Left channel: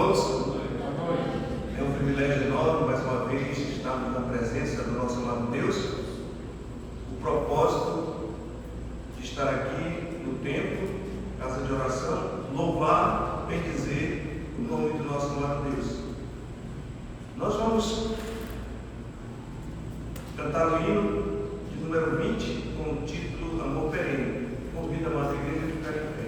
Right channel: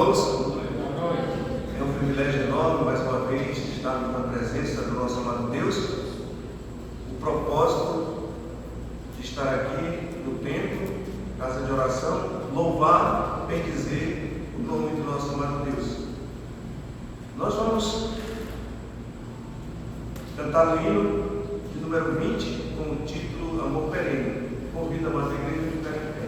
irmãos. É um privilégio enorme, mais uma vez, estarmos na presença do nosso amado Deus. O propósito de estar aqui no templo, casa de oração, louvar e bendizer o nome do nosso amado Deus. Nós vamos cantar o hino de número 20, com o título Amor Perene. Convido a amada igreja a ficar em pé.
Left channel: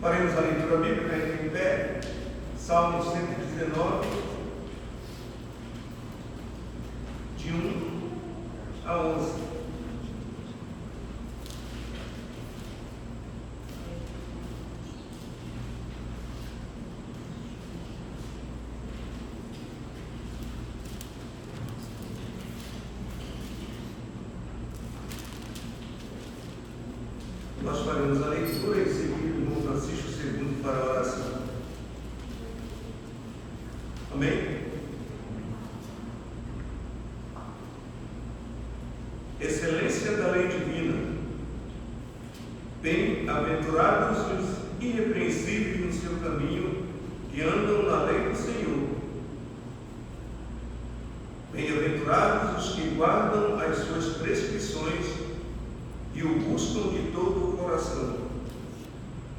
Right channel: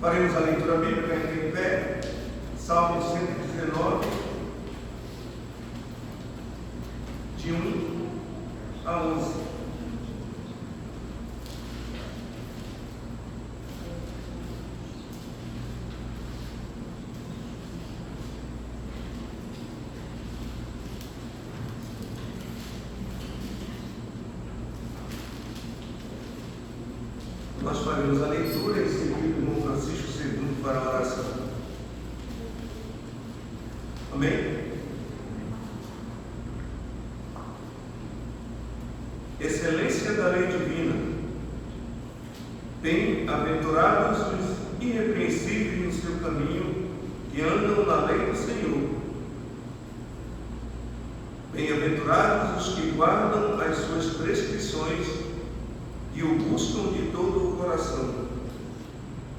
Faremos a leitura bíblica para entrar em pé, Salmo 119, de 1 a 11. Nós faremos a leitura e seguir o irmão Francisco II para a oração. Amém? Excelência da lei divina, Bem-aventurados os irrepreensíveis no seu caminho, que andam na lei do Senhor. Bem-aventurados os que guardam as suas prescrições e o buscam de todo o coração.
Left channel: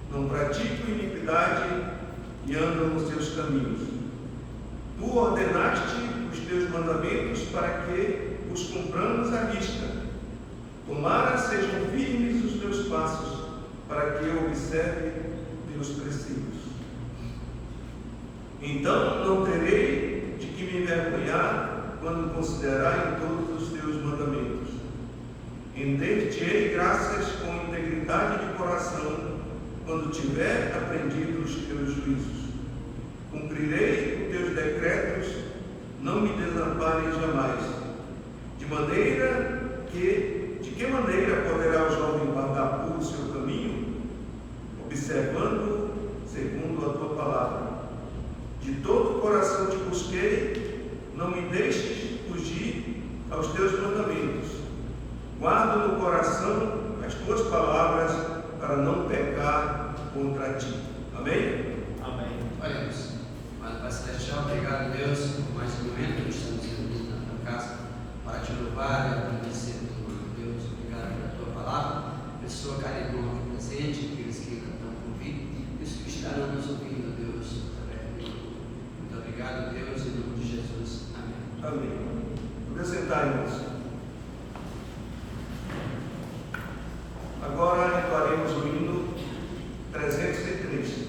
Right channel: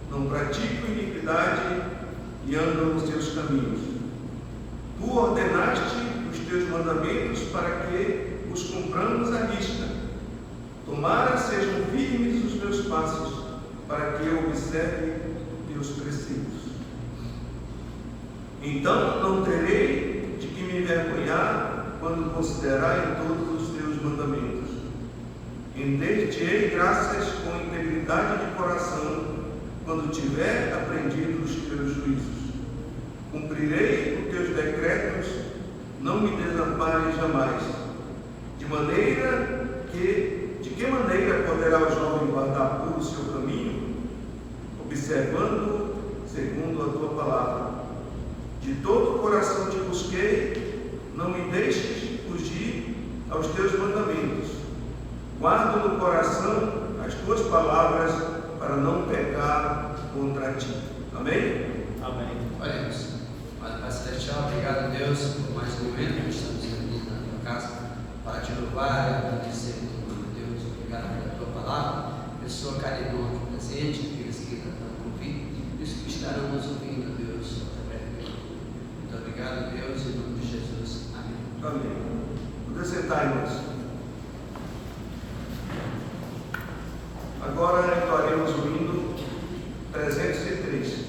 Não praticam iniquidade e andam nos seus caminhos. Tu ordenaste os teus mandamentos para que os cumpramos à risca. Tomara sejam firmes os meus passos, para que eu observe teus preceitos. Então não terei de que me envergonhar quando considerar em todos os teus mandamentos. Render-te-ei graças com integridade de coração, quando tiver aprendido os teus juízos. Cumprirei os teus decretos, não me desampares jamais. De que maneira poderá o jovem guardar puro o seu caminho? Observando segundo a tua palavra. De todo o coração te busquei, não me deixes fugir aos teus mandamentos. Guardo no coração as tuas palavras, para não pecar contra ti. Amém? Amém. Oremos. Pai Celestial, obrigado, Deus, por mais um momento que estamos reunidos na tua casa para te louvar e agradecer, Deus. Obrigado pela tua palavra, pessoa carinhosa presente, aqueles que ainda estão por vir, e os que estarão nos ouvindo, Deus. Muito obrigado, Deus, em nome de Jesus. Amém. Amém. Vamos sentar, irmãos. Agora entoaremos o hino 303.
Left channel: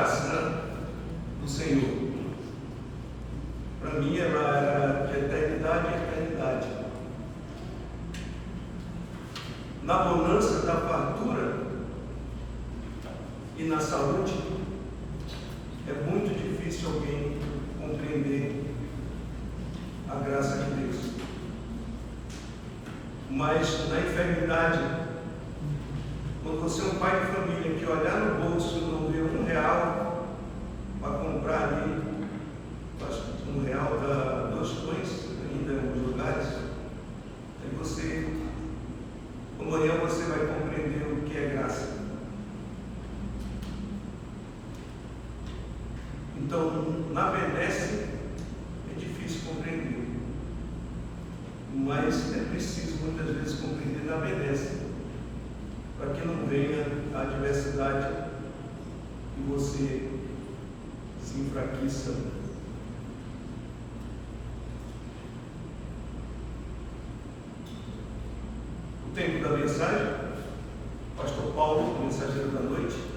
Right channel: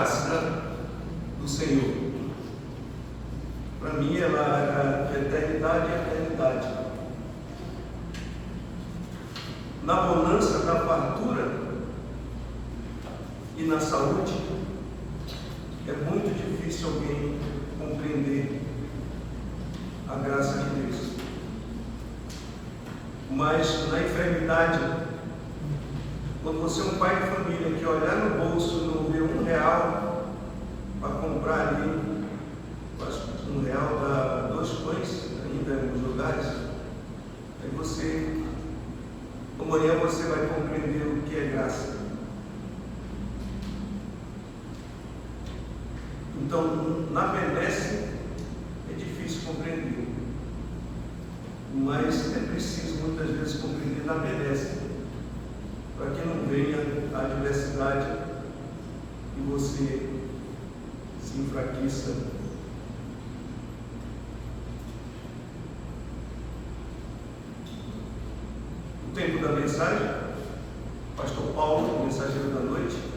graça do Senhor. Para mim, ela era de eternidade em eternidade. Na bonança da fartura e na saúde, é muito difícil alguém compreender a graça de Deus. Mas na enfermidade, quando você é um pai de família que olhar no bolso e não vê R$1 para comprar ali, acho que R$1 dá 2 pães ainda nos lugares, aí você, amanhã você vai compreender o que é graça. Então, na benesse é difícil compreender, mas é preciso muitas vezes compreender na benesse, para que não venha a adversidade e você se enfraqueça. O tempo da mensagem, Pastor Paulo, o mensageiro da noite.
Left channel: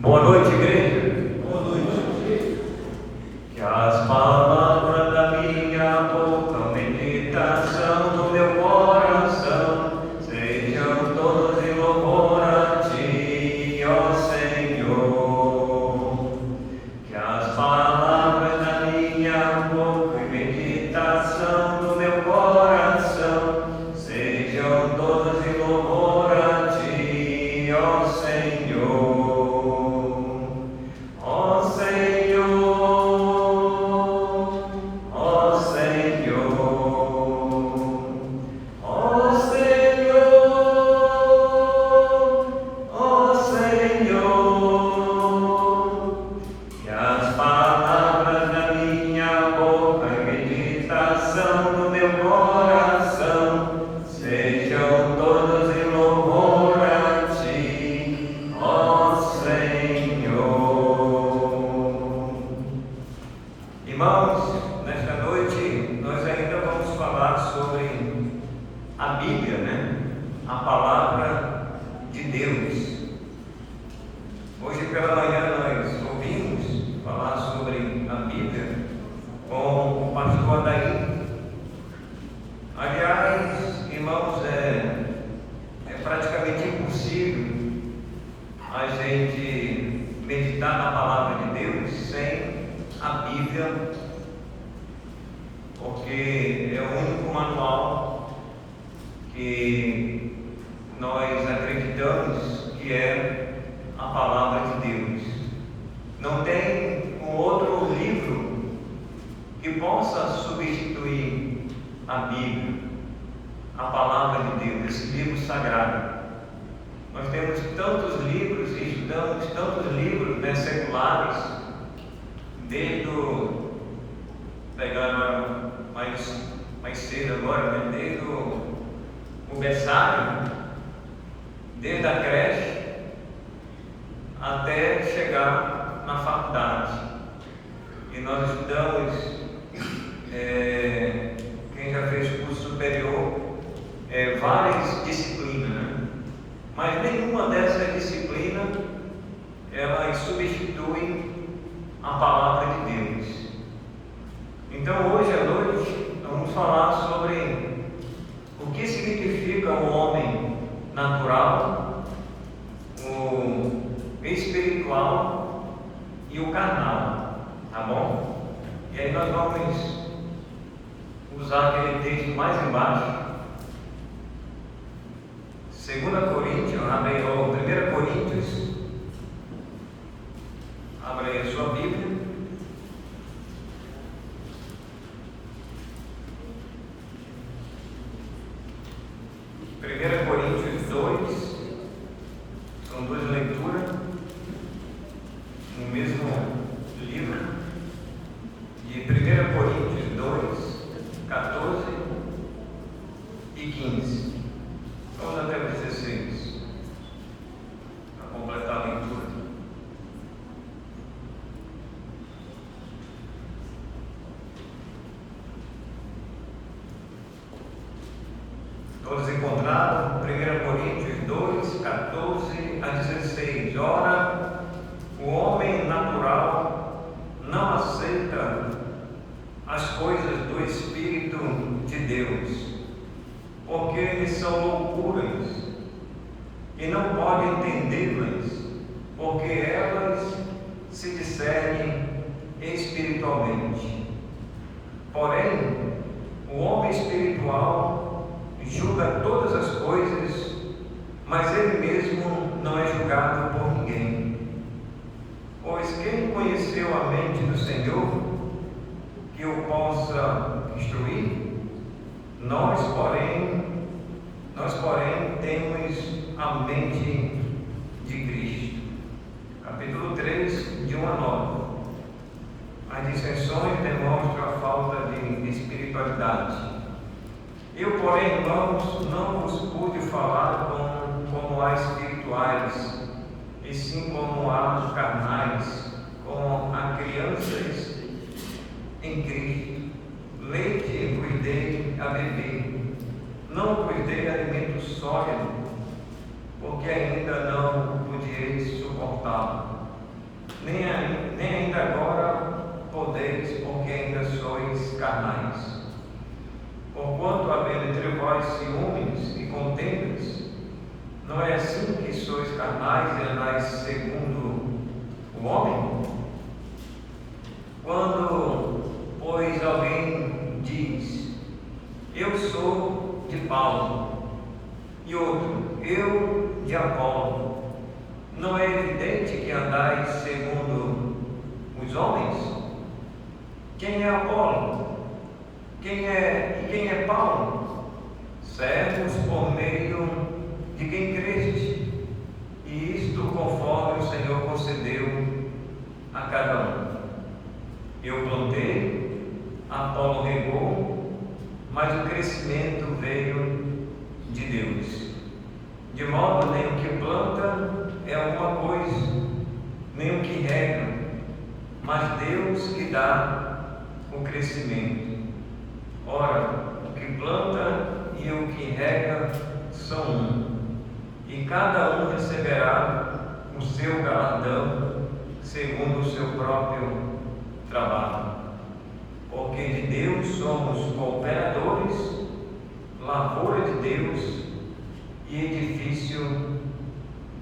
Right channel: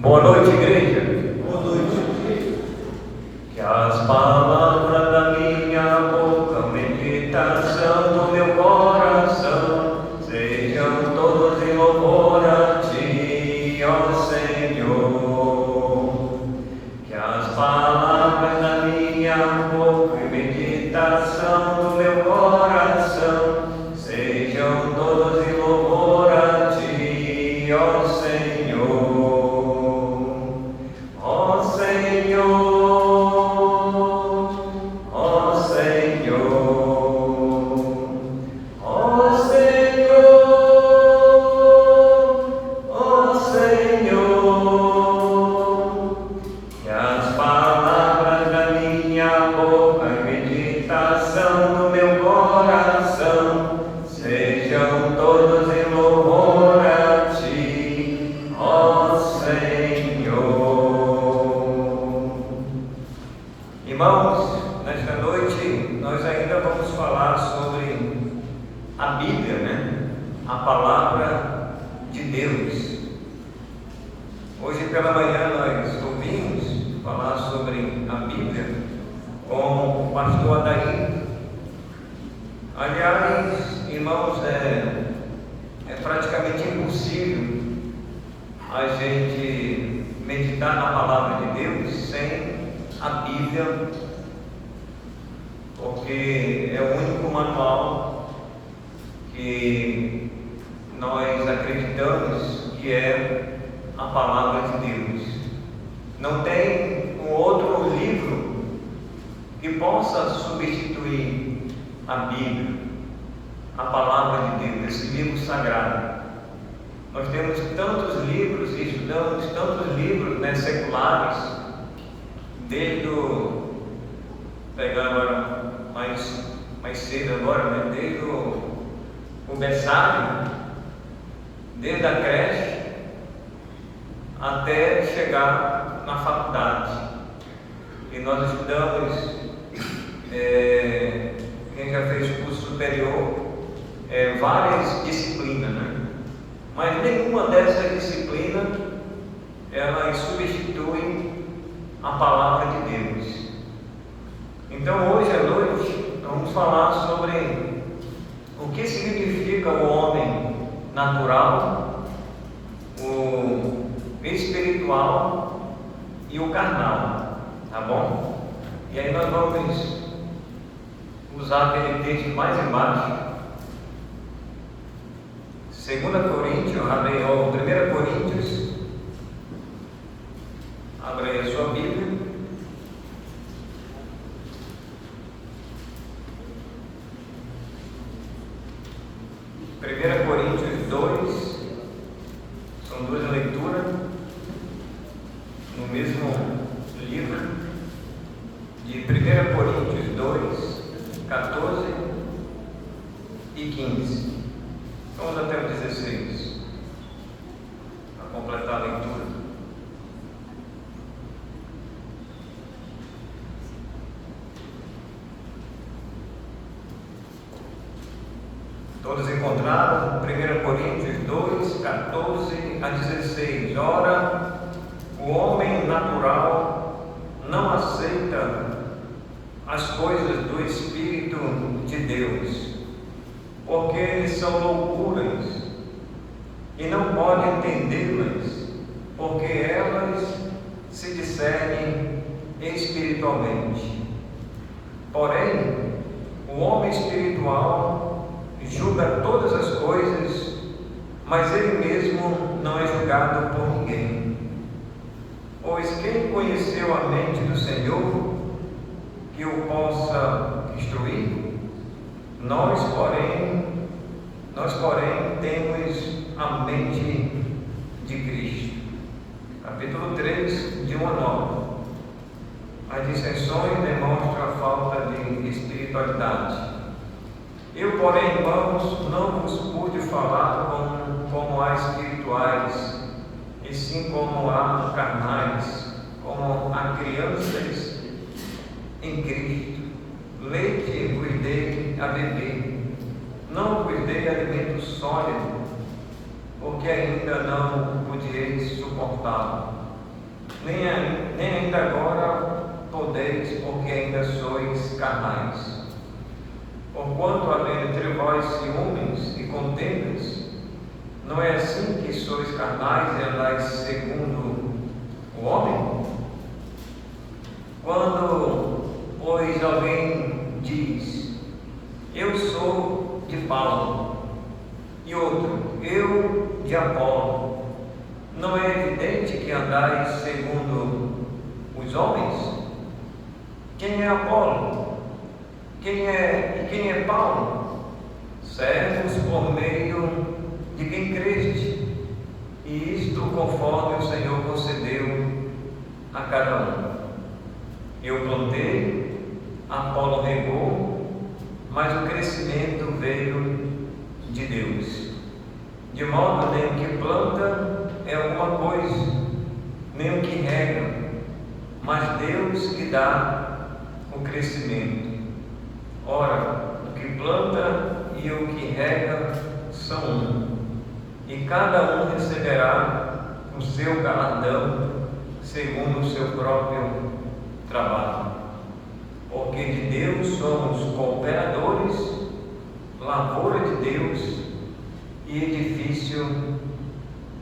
Boa noite, igreja. Boa noite. Que as palavras da minha boca, a meditação do meu coração, sejam todas em louvor a Ti, ó Senhor. Que as palavras da minha boca, a meditação do meu coração, sejam todas em louvor a Ti, ó Senhor. Irmãos, nesta noite nós ainda vamos falar sobre a Bíblia, né? A palavra de Deus. Hoje pela manhã nós ouvimos falar sobre a Bíblia com o pastor Adair. Aliás, irmãos, é praticamente impossível a gente meditar na palavra de Deus sem a Bíblia, porque é o único manual que nós acreditamos que é a palavra de Deus. Não tem um outro livro que possa substituir a Bíblia, a palavra de Deus, esse livro sagrado. Nós temos tantos livros e estudamos tantos livros, né, seculares, desde o, pegando mais cedo agora, mas desde o berçário, desde a creche até chegar na faculdade. E nós estudamos, quem já fez curso superior, várias disciplinas, né? Mas nenhuma dessas disciplinas ela substitui a palavra de Deus. Então hoje à noite vamos falar sobre o que significa o homem natural, o espiritual e o carnal, tá bom? E aí nós vamos usar aquele texto mais embaixo, 2 Coríntios, ou 1 Coríntios, abre aí a sua Bíblia. Coríntios 2, são duas leituras no mesmo livro, de 1 Coríntios 2, 14 e 15. Vamos até o 16, para completar a leitura. Todos encontraram 1 Coríntios 2, 14 a 16. Ora, o homem natural não aceita as coisas do Espírito de Deus, porque eles são loucuras e não podem entendê-las, porque elas se discernem espiritualmente. Porém, o homem espiritual julga todas as coisas, mas ele mesmo não é julgado por ninguém. Pois quem conheceu a mente do Senhor que o possa instruir? Nós, porém, temos a mente de Cristo. Capítulo 3, de 1 a 9. As dissensões demonstram a falta de espiritualidade. Eu, porém, irmãos, não vos pude falar como a espirituais, e sim como a carnais, como a crianças em Cristo. Leite vos dei a beber, não vos dei alimento sólido, porque ainda não podieis suportá-lo, nem ainda agora podeis, porque ainda sois carnais. Porquanto, havendo entre vós ciúmes e contendas, não é assim que sois carnais e andais segundo o homem? Quando, pois, alguém diz, eu sou de Paulo, e outro, eu de Apolo, não é evidente que andais segundo os homens? Quem é Apolo? Quem é Paulo? Servos por meio de quem creste, e isto conforme o Senhor concedeu a cada um. Eu plantei, Apolo regou, mas o crescimento veio de Deus. De modo nem o que planta é alguma coisa, nem o que rega, mas Deus que dá o crescimento. Ora, o que planta e o que rega são um, e cada um receberá o seu galardão segundo o seu próprio trabalho. Porque de Deus somos cooperadores, lavoura de Deus e edifício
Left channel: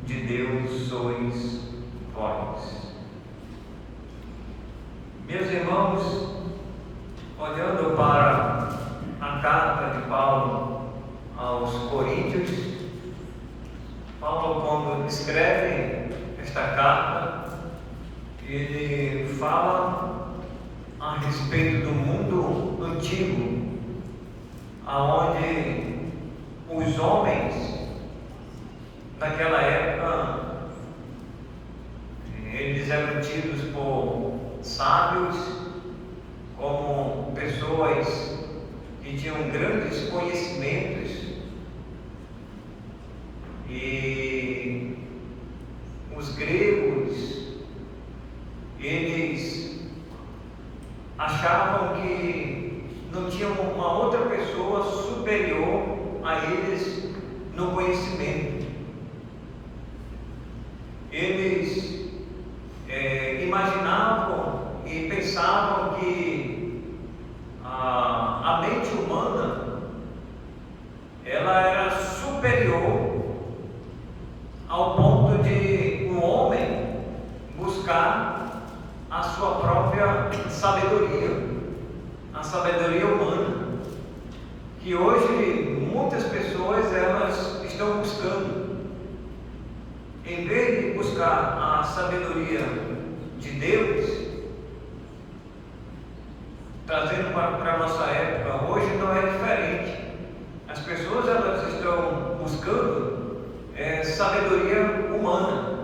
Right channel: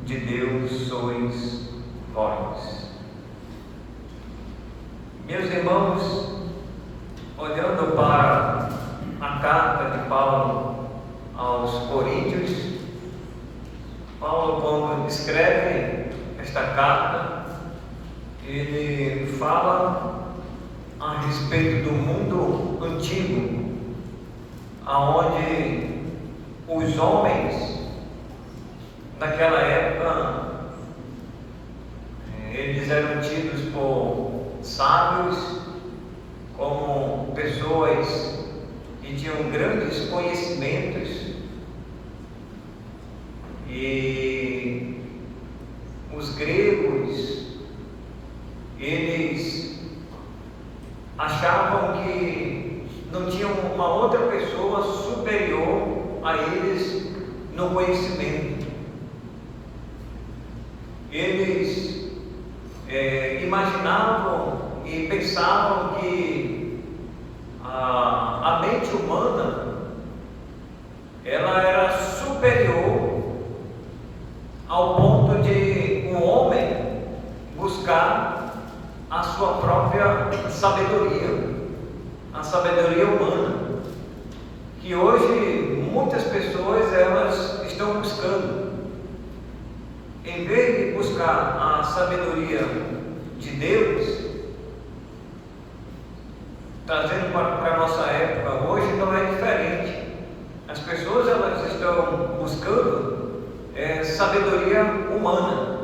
de Deus sois vós. Meus irmãos, olhando para a carta de Paulo aos Coríntios, Paulo, como escreve esta carta, ele fala a respeito do mundo antigo, aonde os homens naquela época eles eram tidos por sábios, como pessoas que tinham grandes conhecimentos, e os gregos, eles achavam que não tinham uma outra pessoa superior a eles no conhecimento. Eles imaginavam e pensavam que a mente humana ela era superior buscando. Em vez de buscar a sabedoria de Deus, trazendo para a nossa época, hoje não é diferente. As pessoas elas estão buscando sabedoria humana.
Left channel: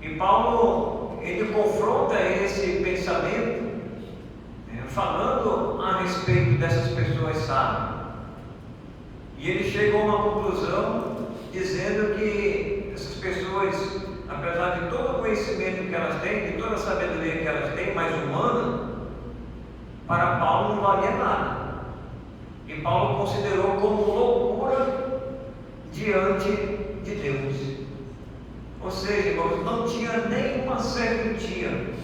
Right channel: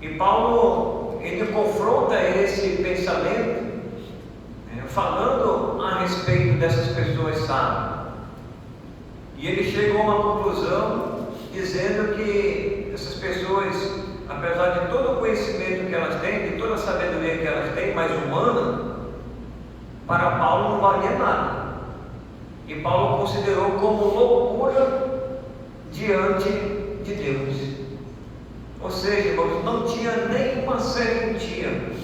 E Paulo, ele confronta esse pensamento, falando a respeito dessas pessoas sábias. E ele chegou a uma conclusão, dizendo que essas pessoas, apesar de todo o conhecimento que elas têm, de toda a sabedoria que elas têm, mais humana, para Paulo não valia nada. E Paulo considerou como loucura diante de Deus. Ou seja, irmãos, não tinha nenhuma serventia,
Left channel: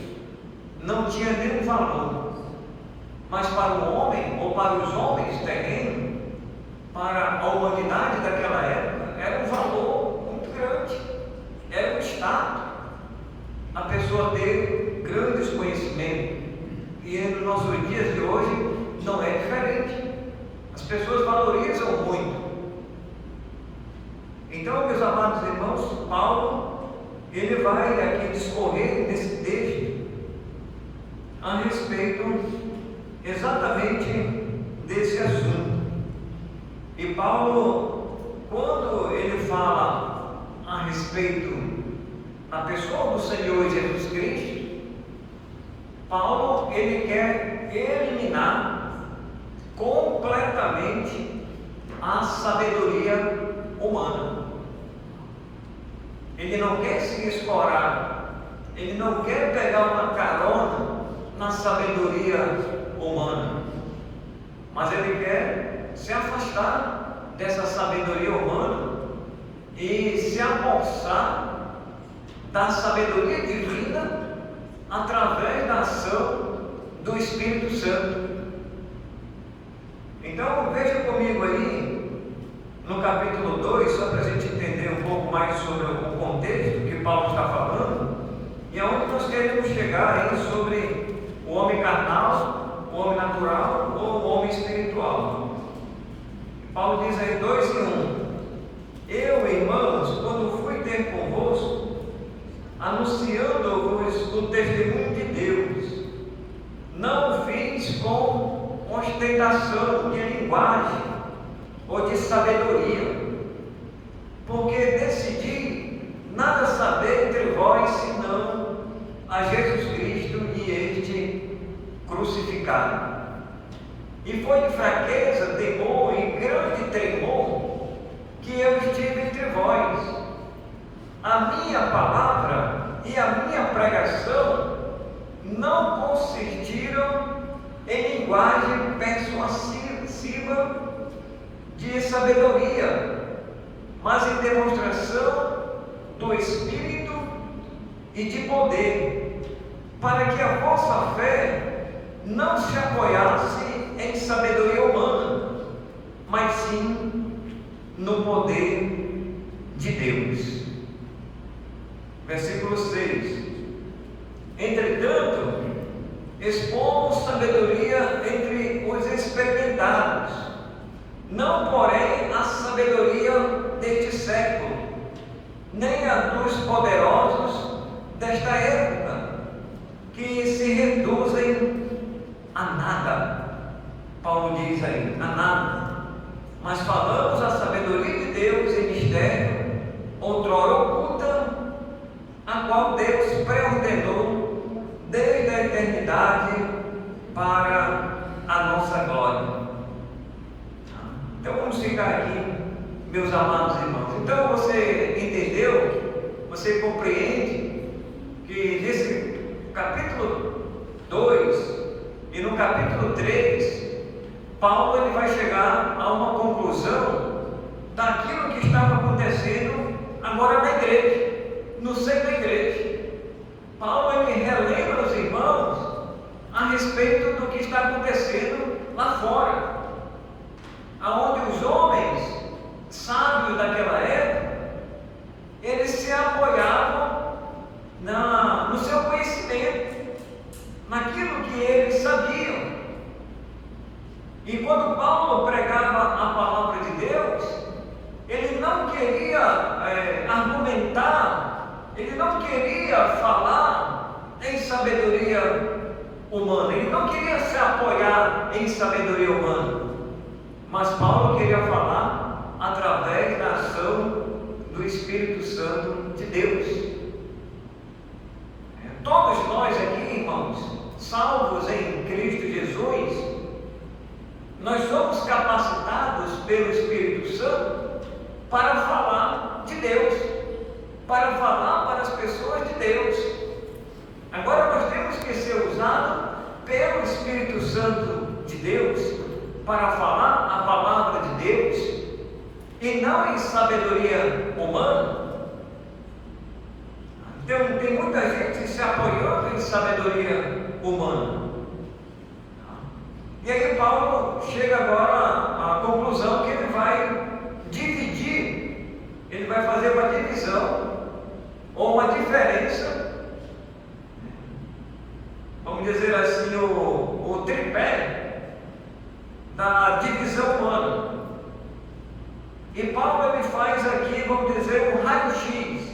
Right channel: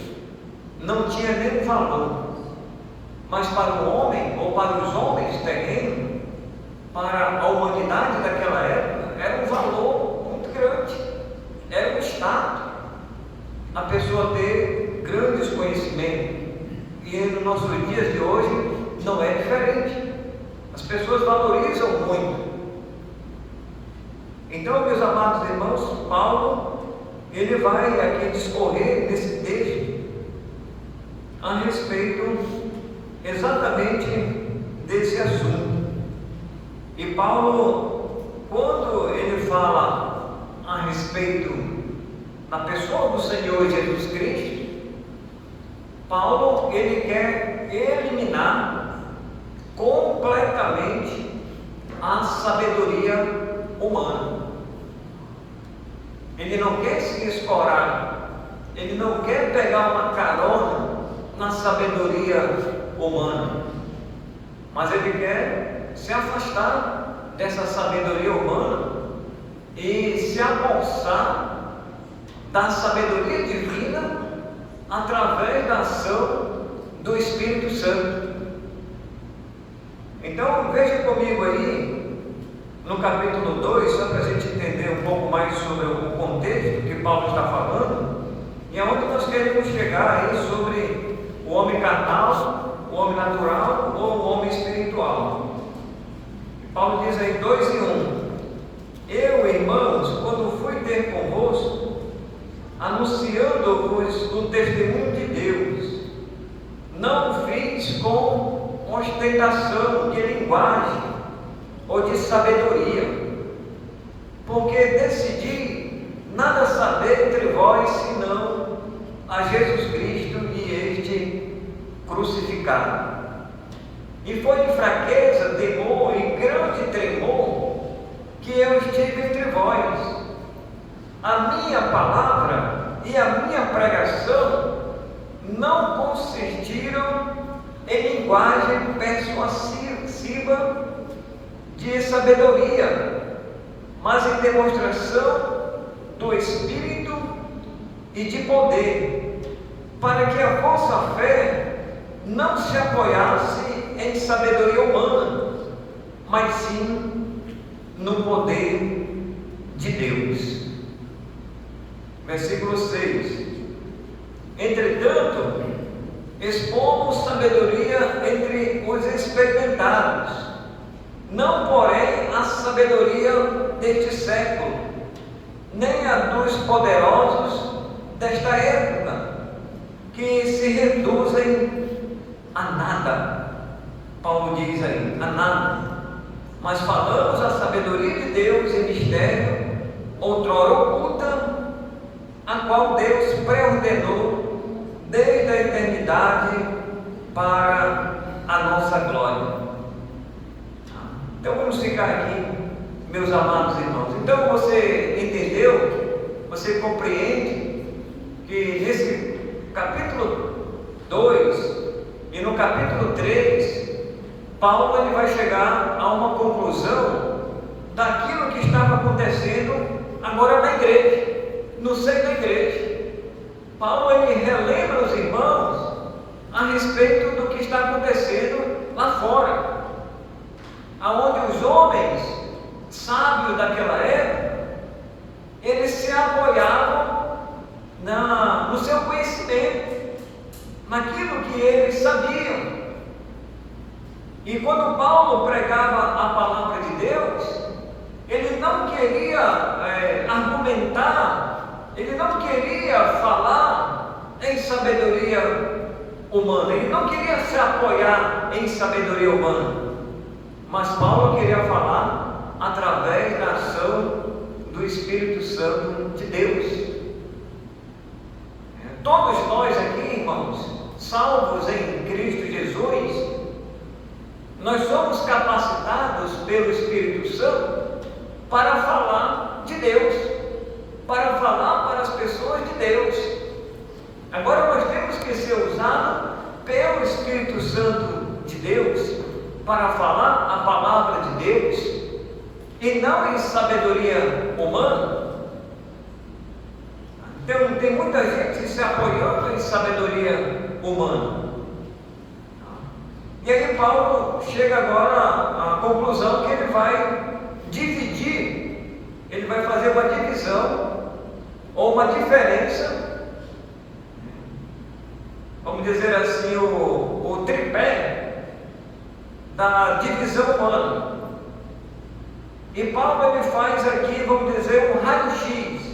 não tinha nenhum valor. Mas para o homem, ou para os homens terrenos, para a humanidade daquela época, era um valor muito grande, era um status a pessoa ter grandes conhecimentos. E nos nossos dias de hoje não é diferente. As pessoas valorizam muito. Então, meus amados irmãos, Paulo, ele vai aqui discorrer nesse texto a respeito exatamente desse assunto. E Paulo, quando ele fala a respeito da pessoa do Senhor Jesus Cristo, Paulo, ele quer eliminar completamente a sabedoria humana. Ele não quer se escorar, ele não quer pegar uma carona na sabedoria humana, mas ele quer se afastar dessa sabedoria humana e se apossar da sabedoria divina através da ação do Espírito Santo. Então veja comigo aí no capítulo 2, só para a gente entender um pouco mais sobre o contexto que Paulo está falando, e aonde nós queremos chegar aí sobre o homem carnal, o homem natural ou o homem espiritual. Paulo diz aí 2:1: Eu, irmãos, quando fui ter convosco, anunciando-vos o testemunho de Deus, não o fiz com ostentação de linguagem ou de sabedoria, porque decidi nada saber entre vós senão a Jesus Cristo e este crucificado. E foi de fraqueza, temor e grande tremor que eu estive entre vós. A minha palavra e a minha pregação não consistiram em linguagem persuasiva de sabedoria, mas em demonstração do Espírito e de poder, para que a vossa fé não se apoiasse em sabedoria humana, mas sim no poder de Deus. Versículo 6: Entretanto, expomos sabedoria entre os experimentados, não porém a sabedoria deste século, nem a dos poderosos desta época, que se reduzem a nada. Paulo diz aí, a nada. Mas falamos a sabedoria de Deus em mistério, outrora oculta, a qual Deus preordenou desde a eternidade para a nossa glória. Então vamos ficar aqui, meus amados irmãos. Então você entendeu, você compreende que nesse capítulo 2 e no capítulo 3, Paulo ele vai chegar a uma conclusão daquilo que estava acontecendo agora na igreja, no seio da igreja. Paulo ele relembra os irmãos a respeito do que está acontecendo lá fora, aonde os homens sábios daquela época, eles se apoiavam no seu conhecimento, naquilo que eles sabiam. E quando Paulo pregava a palavra de Deus, queria argumentar, ele não queria falar em sabedoria humana, ele não queria se apoiar em sabedoria humana, mas Paulo queria falar através da ação do Espírito Santo de Deus. Todos nós aqui, irmãos, salvos em Cristo Jesus, nós somos capacitados pelo Espírito Santo para falar de Deus, para falar para as pessoas de Deus. Agora nós temos que ser usados pelo Espírito Santo de Deus para falar a palavra de Deus e não em sabedoria humana. Tem muita gente se apoiando em sabedoria humana. E aí Paulo chega agora à conclusão que ele vai dividir, ele vai fazer uma divisão ou uma diferença, vamos dizer assim, o tripé da divisão humana. E Paulo ele faz aqui, vamos dizer, um raio-x.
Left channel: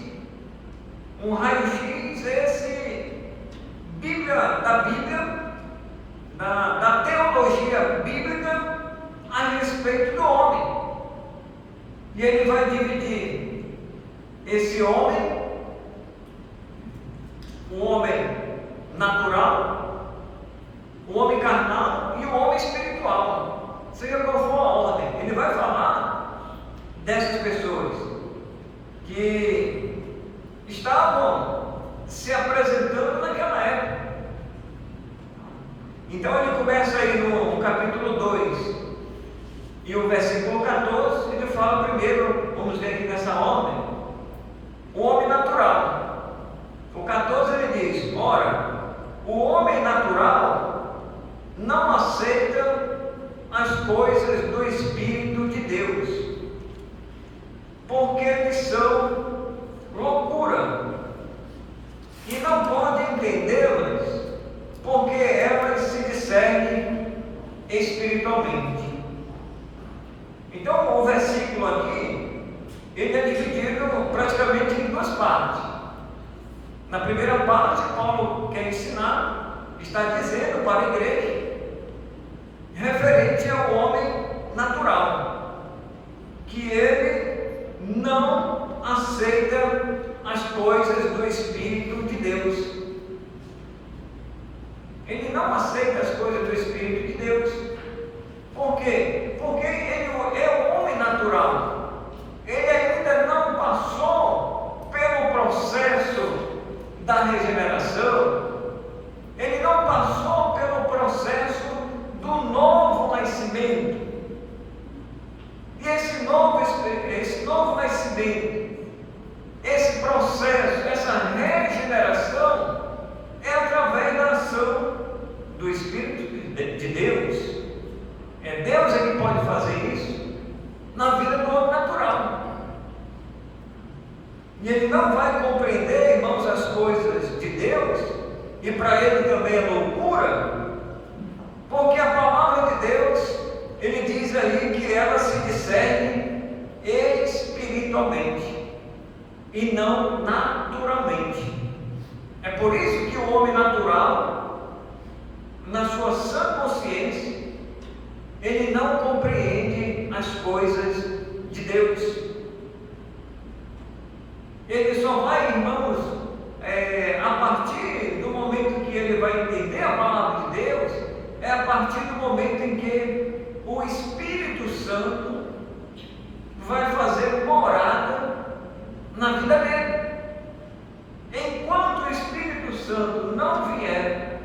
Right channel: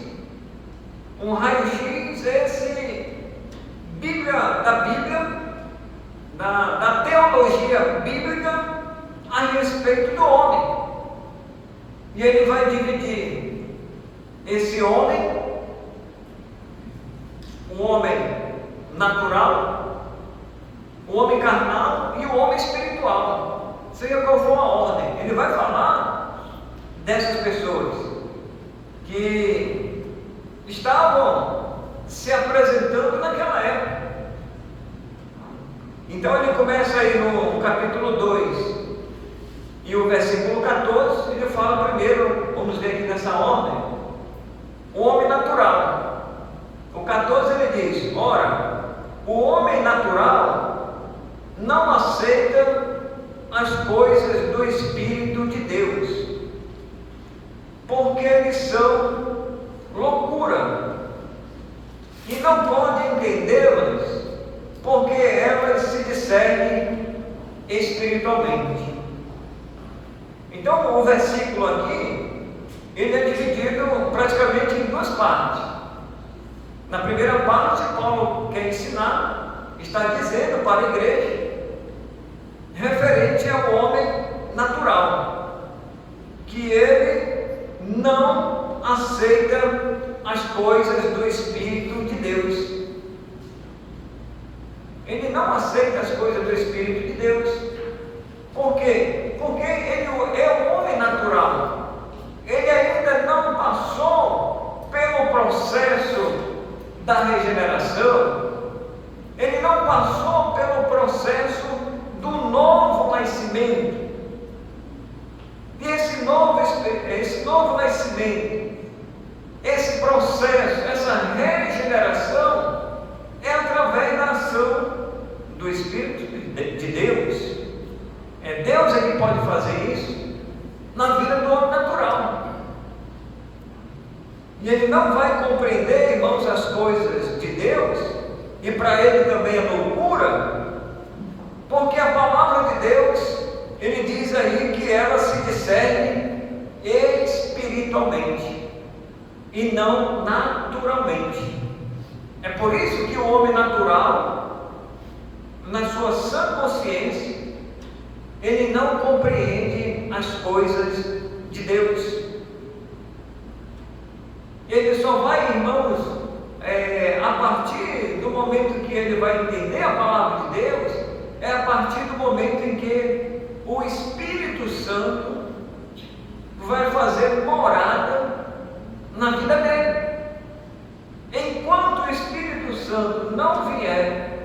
Um raio-x, da Bíblia, da teologia bíblica a respeito do homem. E ele vai dividir esse homem, o homem natural, o homem carnal e o homem espiritual. Seja qual for a ordem, ele vai falar dessas pessoas que estavam se apresentando naquela época. Então ele começa aí no capítulo 2 e o versículo 14, ele fala primeiro, vamos ver aqui nessa ordem, o homem natural. O 14 ele diz: ora, o homem natural não aceita as coisas do Espírito de Deus, porque eles são loucura, e não pode entendê-las, porque elas se discernem espiritualmente. Então o versículo aqui, ele é dividido praticamente em duas partes. Na primeira parte, Paulo quer ensinar, está dizendo para a igreja, referente ao homem natural, que ele não aceita as coisas do Espírito de Deus. Ele não aceita as coisas do Espírito de Deus. Por quê? Porque ele é um homem natural. Ele ainda não passou pelo processo da regeneração. Ele não passou pelo processo do novo nascimento. E esse novo nascimento, esse processo, essa regeneração, é através da ação do Espírito de Deus. É Deus que pode fazer isso na vida do homem natural. E ele não vai compreender, irmãos, as coisas de Deus, e para ele também é loucura, porque a palavra de Deus, ele diz aí que ela se discerne espiritualmente e não naturalmente. É por isso que o homem natural, na sua sã consciência, ele não compreende as coisas de Deus. Ele só vai, irmãos, a partir do momento que ele vai entender a palavra de Deus, é a partir do momento em que o Espírito Santo vai fazer morada na vida dele. Enquanto o Espírito Santo não vier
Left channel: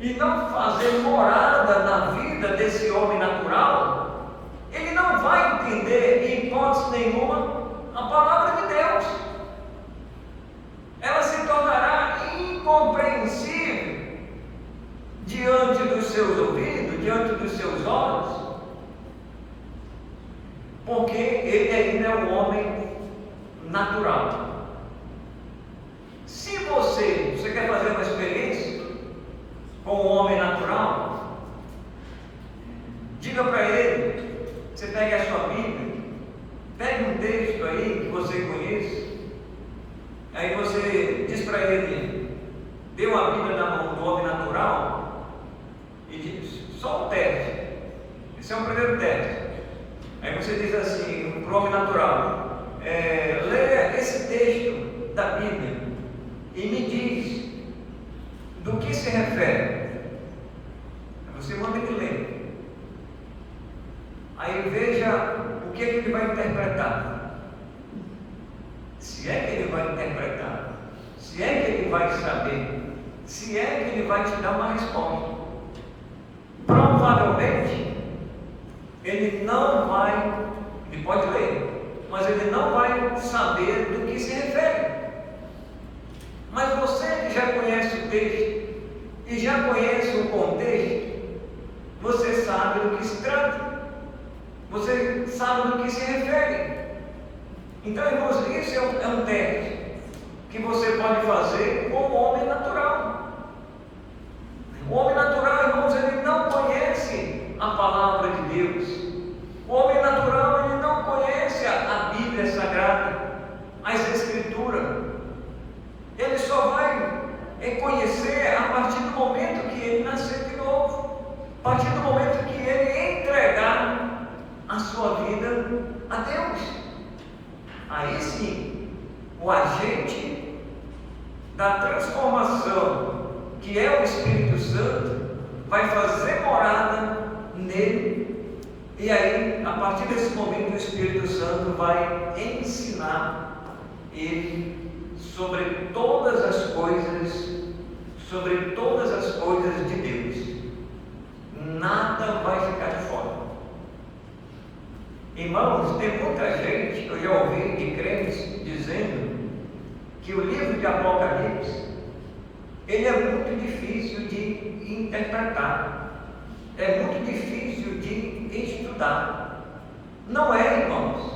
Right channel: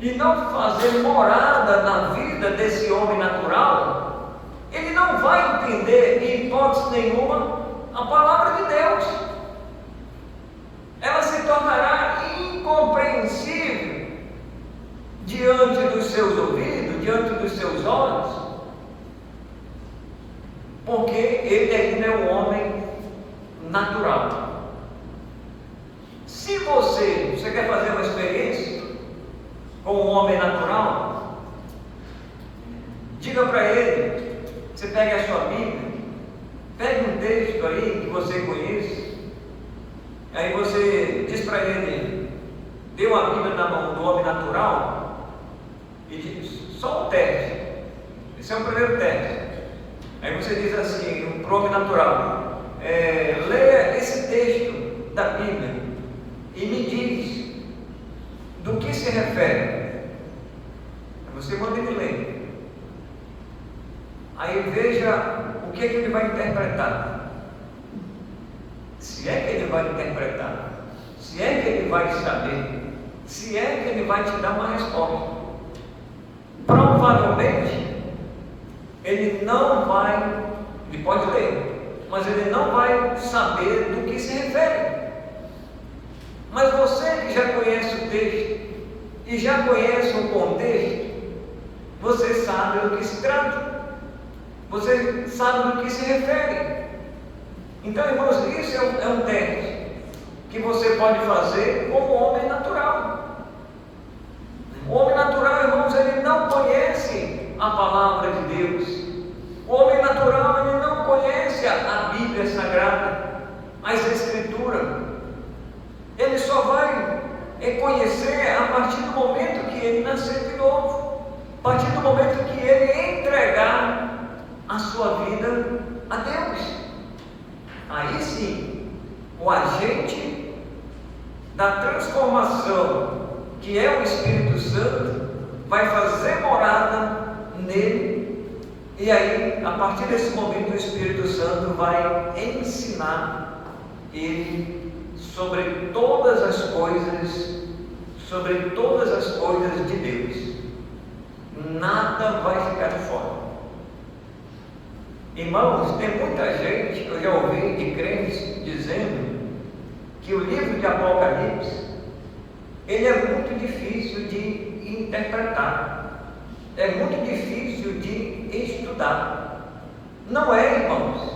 e não fazer morada na vida desse homem natural, ele não vai entender, em hipótese nenhuma, a palavra de Deus. Ela se tornará incompreensível diante dos seus ouvidos, diante dos seus olhos, porque ele ainda é um homem natural. Se você quer fazer uma experiência com um homem natural, diga para ele, você pega a sua Bíblia, pegue um texto aí que você conhece, aí você diz para ele, deu a Bíblia na mão do homem natural e diz, só um teste. Esse é o primeiro teste. Aí você diz assim, para o homem natural, leia esse texto da Bíblia e me diz do que se refere. Você manda ele ler. Aí veja o que ele vai interpretar. Se é que ele vai interpretar, se é que ele vai saber, se é que ele vai te dar uma resposta. Provavelmente ele não vai, ele pode ler, mas ele não vai saber do que se refere. Mas você que já conhece o texto e já conhece o contexto, você sabe do que se trata, você sabe do que se refere. Então, irmãos, isso é um teste que você pode fazer com o homem natural. O homem natural, irmãos, ele não conhece a palavra de Deus. O homem natural, ele não conhece a Bíblia Sagrada, as Escrituras. Ele só vai conhecer a partir do momento que ele nascer de novo, a partir do momento que ele entregar a sua vida a Deus. Aí sim, o agente da transformação, que é o Espírito Santo, vai fazer morada nele, e aí, a partir desse momento, o Espírito Santo vai ensinar ele sobre todas as coisas de Deus. Nada vai ficar de fora. Irmãos, tem muita gente, eu já ouvi de crentes dizendo que o livro de Apocalipse, ele é muito difícil de interpretar, é muito difícil de estudar. Não é, irmãos,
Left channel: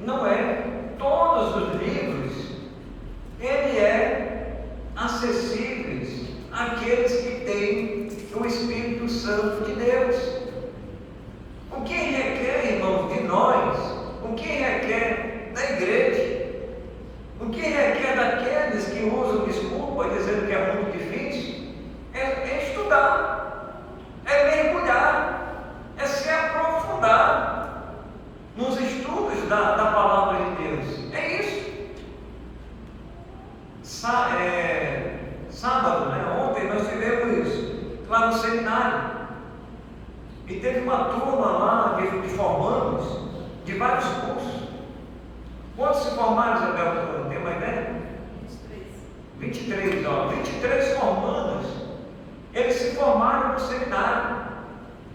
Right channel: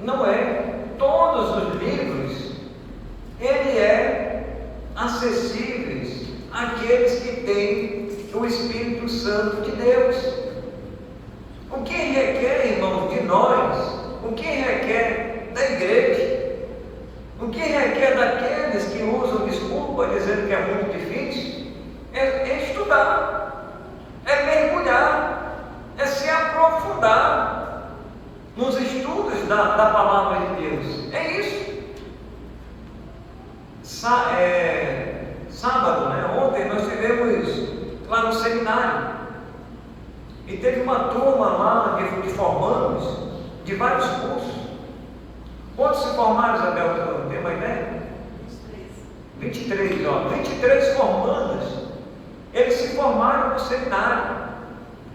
não é. Todos os livros, ele é acessíveis àqueles que têm o Espírito Santo de Deus. O que requer, irmãos, de nós, o que requer da igreja, o que requer daqueles que usam desculpa dizendo que é muito difícil, é estudar, é mergulhar, é se aprofundar nos estudos da palavra de Deus. É isso. Sábado, ontem nós tivemos lá no seminário, e teve uma turma lá de formandos de vários cursos. Quantos se formaram, Isabel? Não tem uma ideia? 23, 23 formandos. Eles se formaram no seminário.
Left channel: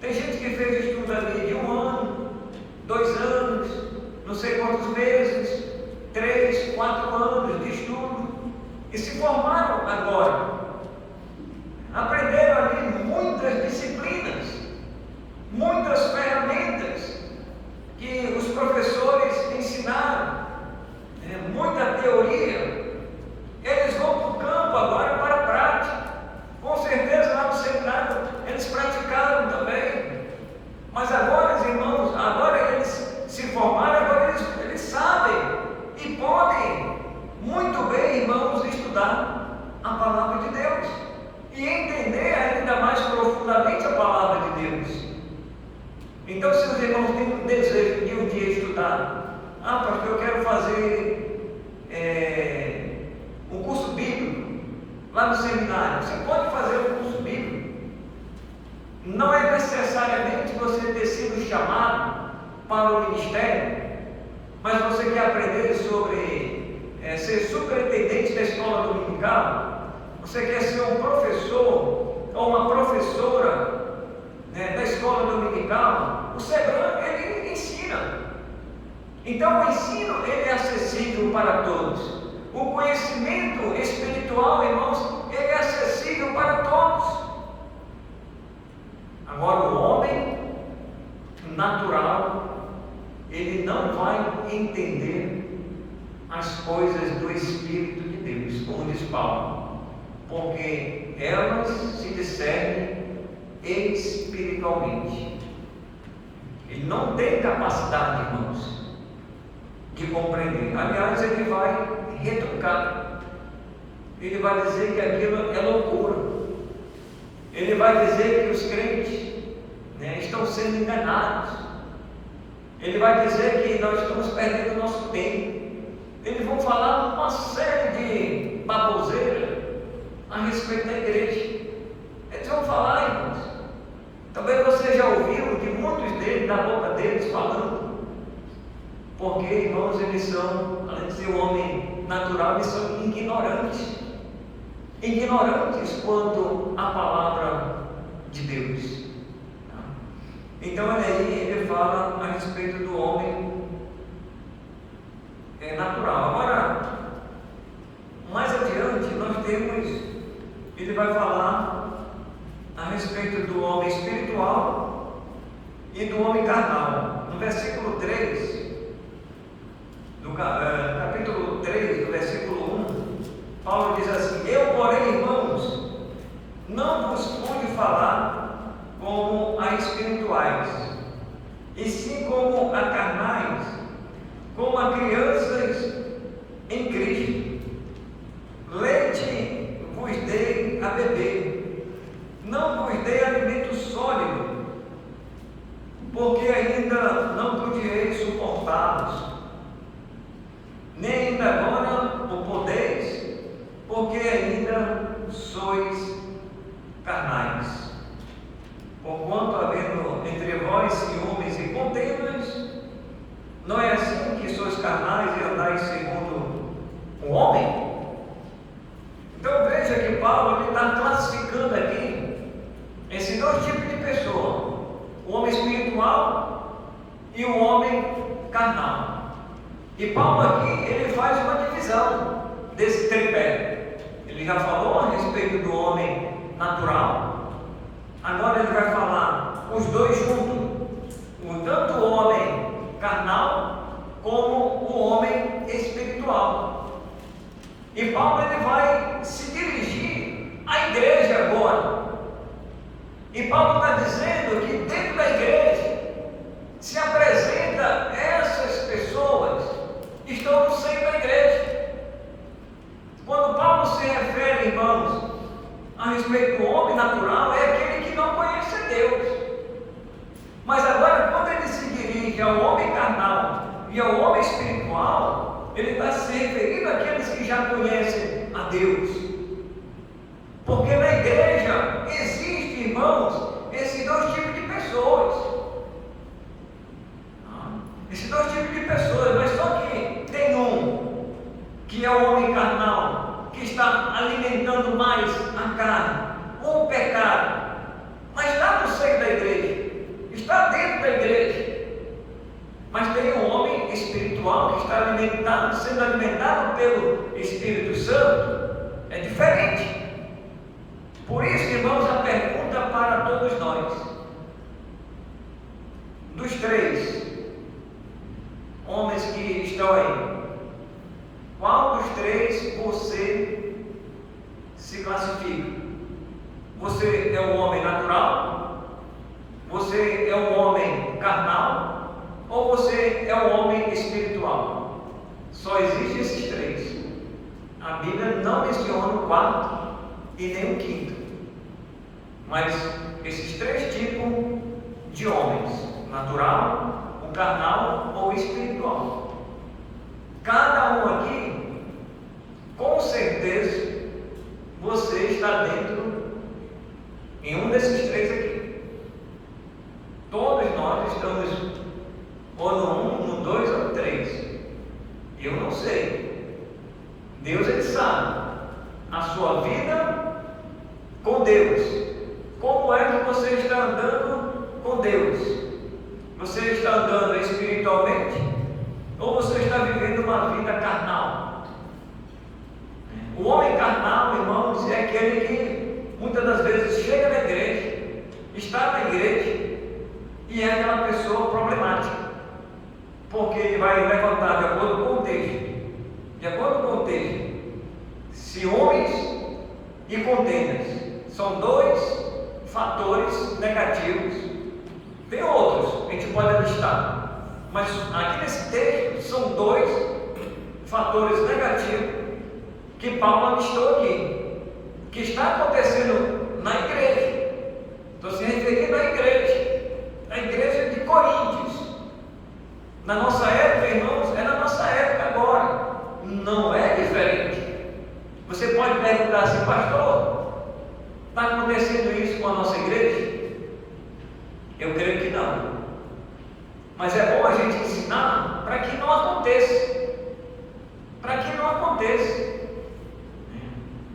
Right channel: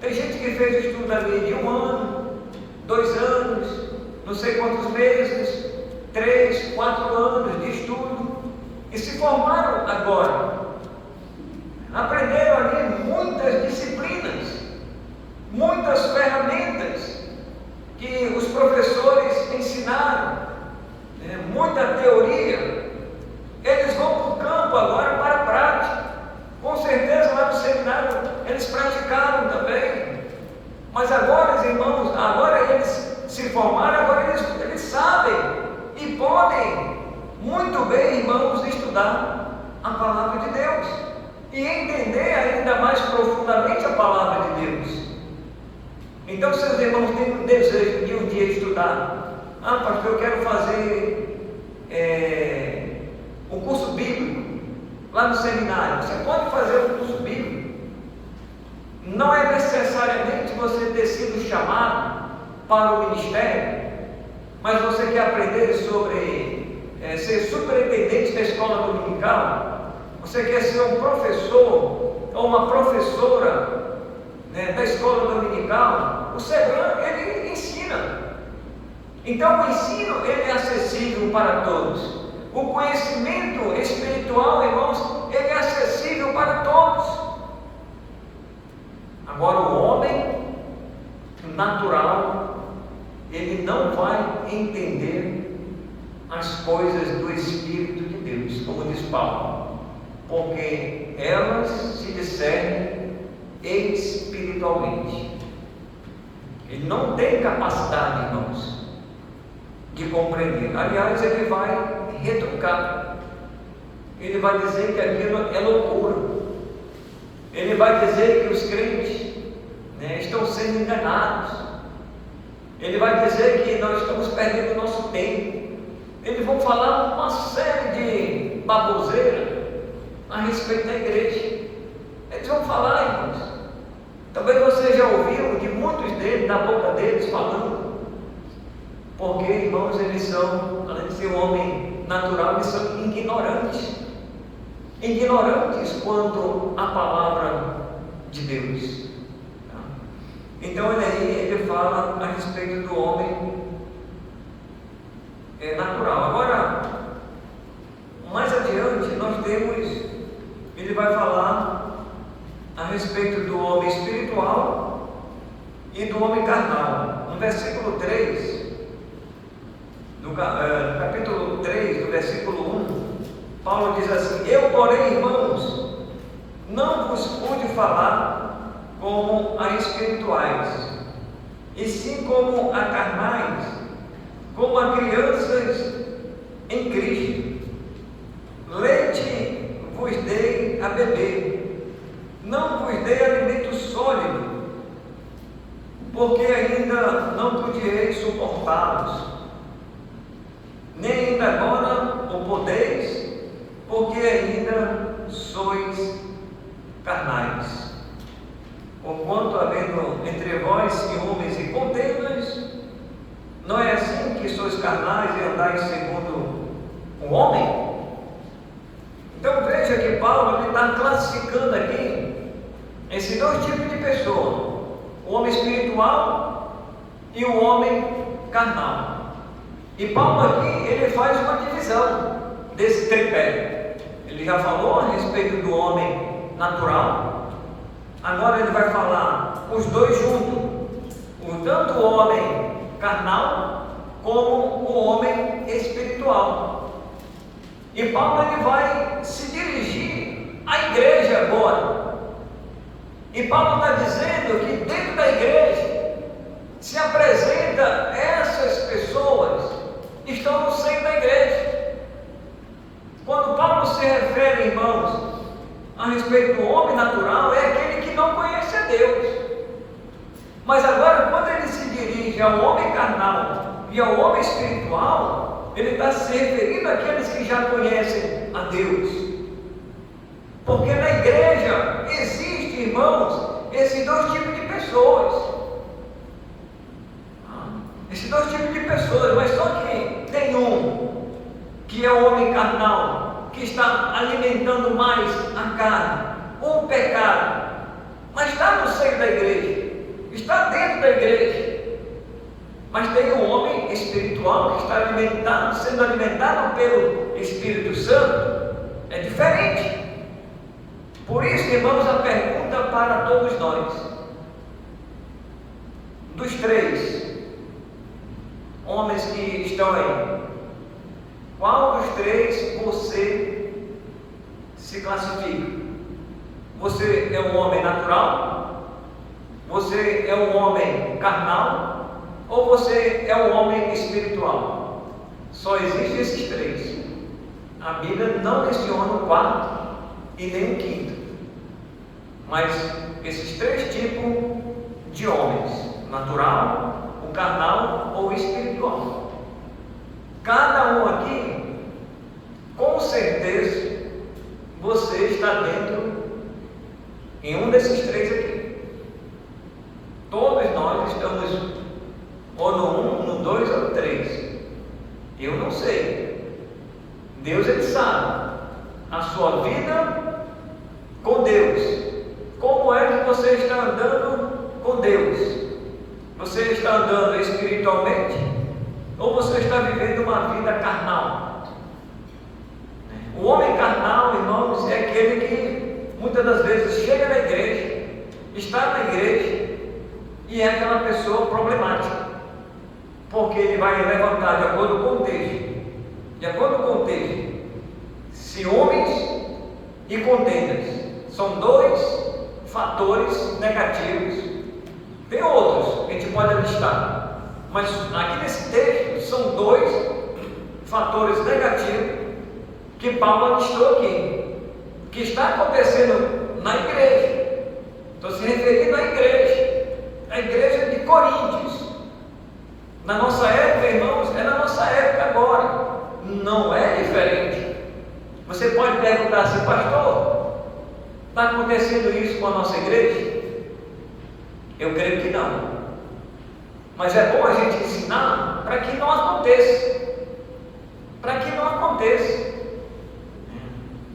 Tem gente que fez estudo ali de 1 ano, 2 anos, não sei quantos meses, 3, 4 anos de estudo, e se formaram agora. Aprenderam ali muitas disciplinas, muitas ferramentas que os professores ensinaram, muita teoria. Eles vão para o campo agora para a prática. Com certeza lá no seminário eles praticaram também. Mas agora, irmãos, agora eles se formaram, agora eles sabem e podem muito bem, irmãos, estudar a palavra de Deus e entender ainda mais profundamente a palavra de Deus. Então, se os irmãos têm um desejo de um dia estudar, pastor, eu quero fazer um curso bíblico lá no seminário. Você pode fazer um curso bíblico. Não é necessariamente você ter sido chamado para o ministério, mas você quer aprender sobre ser superintendente da escola dominical, você quer ser um professor ou uma professora da escola dominical. O Sebrão, ele ensina. Então o ensino, ele é acessível para todos. O conhecimento espiritual, irmãos, ele é acessível para todos. Agora o homem natural, ele não vai entender as coisas do Espírito de Deus, como diz Paulo, porque elas se discernem espiritualmente. Ele não tem capacidade, irmãos. de compreender. Aliás, ele vai retrucar. Ele vai dizer que aquilo é loucura. Ele vai dizer que os crentes, estão sendo enganados. Ele vai dizer que nós estamos perdendo o nosso tempo. Eles vão falar uma série de baboseira a respeito da igreja. Eles vão falar, irmãos. Talvez você já ouviu de muitos deles, na boca deles, falando. Porque, irmãos, eles são, além de ser homem natural, eles são ignorantes. Ignorantes quanto à palavra de Deus. Então, olha aí, ele fala a respeito do homem natural. Agora, mais adiante, nós temos, ele vai falar a respeito do homem espiritual e do homem carnal. No versículo 3, do capítulo 3, do versículo 1, Paulo diz assim: eu, porém, irmãos, não vos pude falar como a espirituais, e sim como a carnais, como a crianças em Cristo. Leite vos dei a beber, não vos dei alimento sólido, porque ainda não podieis suportá-los, nem ainda agora o podeis, porque ainda sois carnais. Porquanto, havendo entre vós ciúmes e contendas, não é assim que sois carnais e andais segundo o homem? Então veja que Paulo está classificando aqui esses dois tipos de pessoa: o homem espiritual e o homem carnal. E Paulo aqui, ele faz uma divisão desse tripé. Ele já falou a respeito do homem natural, agora ele vai falar os dois juntos, tanto o homem carnal como o homem espiritual. E Paulo, ele vai se dirigir à igreja agora. E Paulo está dizendo que dentro da igreja se apresenta essas pessoas que estão no seio da igreja. Quando Paulo se refere, irmãos, a respeito do homem natural, é aquele que não conhece a Deus. Mas agora, quando ele se dirige ao homem carnal e ao homem espiritual, ele está se referindo àqueles que já conhecem a Deus. Porque na igreja existe, irmãos, esses dois tipos de pessoas. Esses dois tipos de pessoas, mas só que tem um que é o homem carnal, que está alimentando mais a carne, o pecado, mas está no seio da igreja, está dentro da igreja. Mas tem um homem espiritual que está sendo alimentado pelo Espírito Santo. É diferente. Por isso, irmãos, a pergunta para todos nós: dos três homens que estão aí, qual dos três você se classifica? Você é um homem natural? Você é um homem carnal? Ou você é um homem espiritual? Só existem esses três. A Bíblia não menciona o quarto e nem o quinto. Mas esses três tipos de homens: natural, o carnal ou o espiritual. Cada um aqui, com certeza, você está dentro em um desses três aqui. Todos nós estamos ou no 1, no 2 ou no 3. Eu não sei. Deus, ele sabe a sua vida com Deus. Como é que você está andando com Deus? Você está andando espiritualmente ou você está vivendo uma vida carnal? O homem carnal, irmãos, é aquele que muitas das vezes chega na igreja, está na igreja e é aquela pessoa problemática, porque ele vai levantar, de acordo com o texto, ciúmes e contendas. São dois fatores negativos. Tem outros que a gente pode listar, Mas aqui nesse texto são dois fatores negativos que Paulo listou aqui, que está acontecendo na igreja. Estou se referindo à igreja de Coríntios. Na nossa época, irmãos, é na nossa época agora, não é diferente. Você pode perguntar assim, pastor, está acontecendo isso com a nossa igreja? Eu creio que não. Mas é bom a gente ensinar para que não aconteça. Para que não aconteça.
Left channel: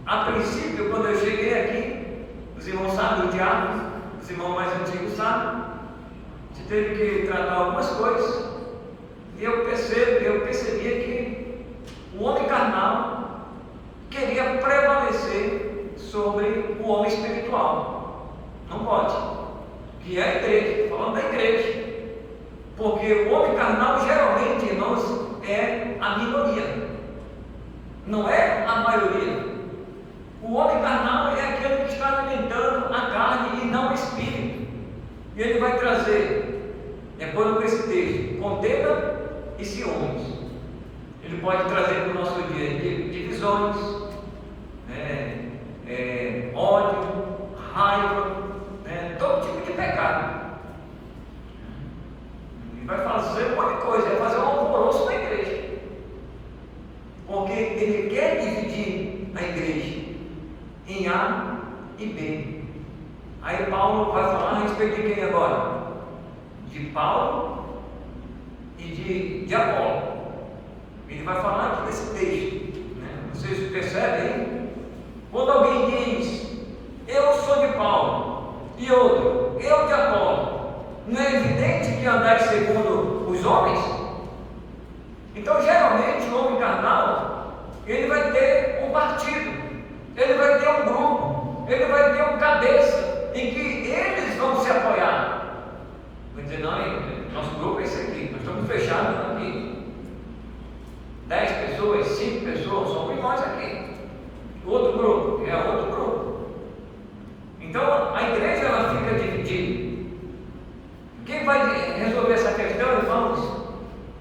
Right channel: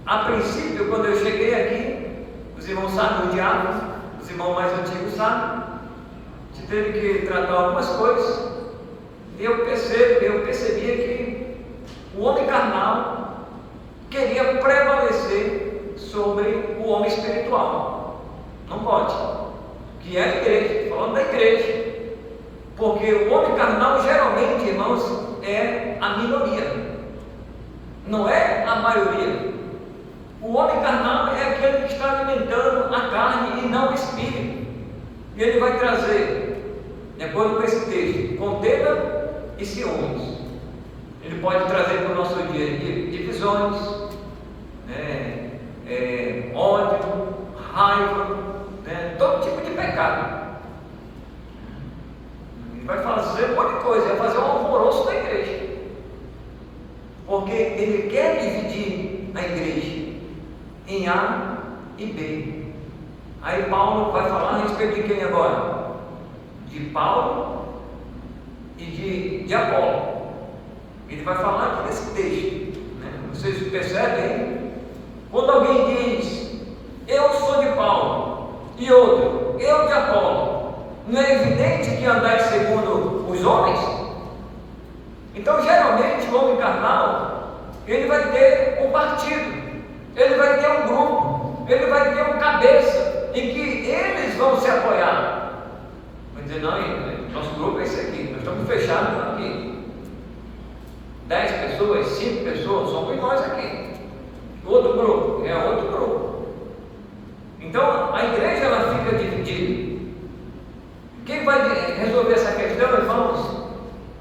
A princípio, quando eu cheguei aqui, os irmãos sabem, o diabo, os irmãos mais antigos sabem, a gente teve que tratar algumas coisas. E eu percebia que o homem carnal queria prevalecer sobre o homem espiritual. Não pode. Que é a igreja, estou falando da igreja. Porque o homem carnal geralmente, irmãos, é a minoria. Não é a maioria. O homem carnal é aquele que está alimentando a carne e não o espírito. E ele vai trazer, de acordo com esse texto, contenda e ciúmes. Ele pode trazer para o nosso dia divisões, ódio, raiva, todo tipo de pecado. Ele vai fazer um monte de coisa, vai fazer um alvoroço na igreja, porque ele quer dividir a igreja em A e B. Aí Paulo vai falar a respeito de quem agora? De Paulo e de Apolo. Ele vai falar aqui nesse texto, Vocês percebem? Quando alguém diz, eu sou de Paulo, e outro, eu de Apolo, não é evidente que andai segundo os homens? Então, geralmente, o homem carnal, ele vai ter um partido, ele vai ter um grupo, ele vai ter um cabeça, em que eles vão se apoiar. Vou dizer, não, nosso grupo é esse aqui, nós estamos fechados aqui. 10 pessoas, 5 pessoas, somos nós aqui. Outro grupo, é outro grupo. Então, a igreja, ela fica dividida. Quem vai resolver essa questão, irmãos,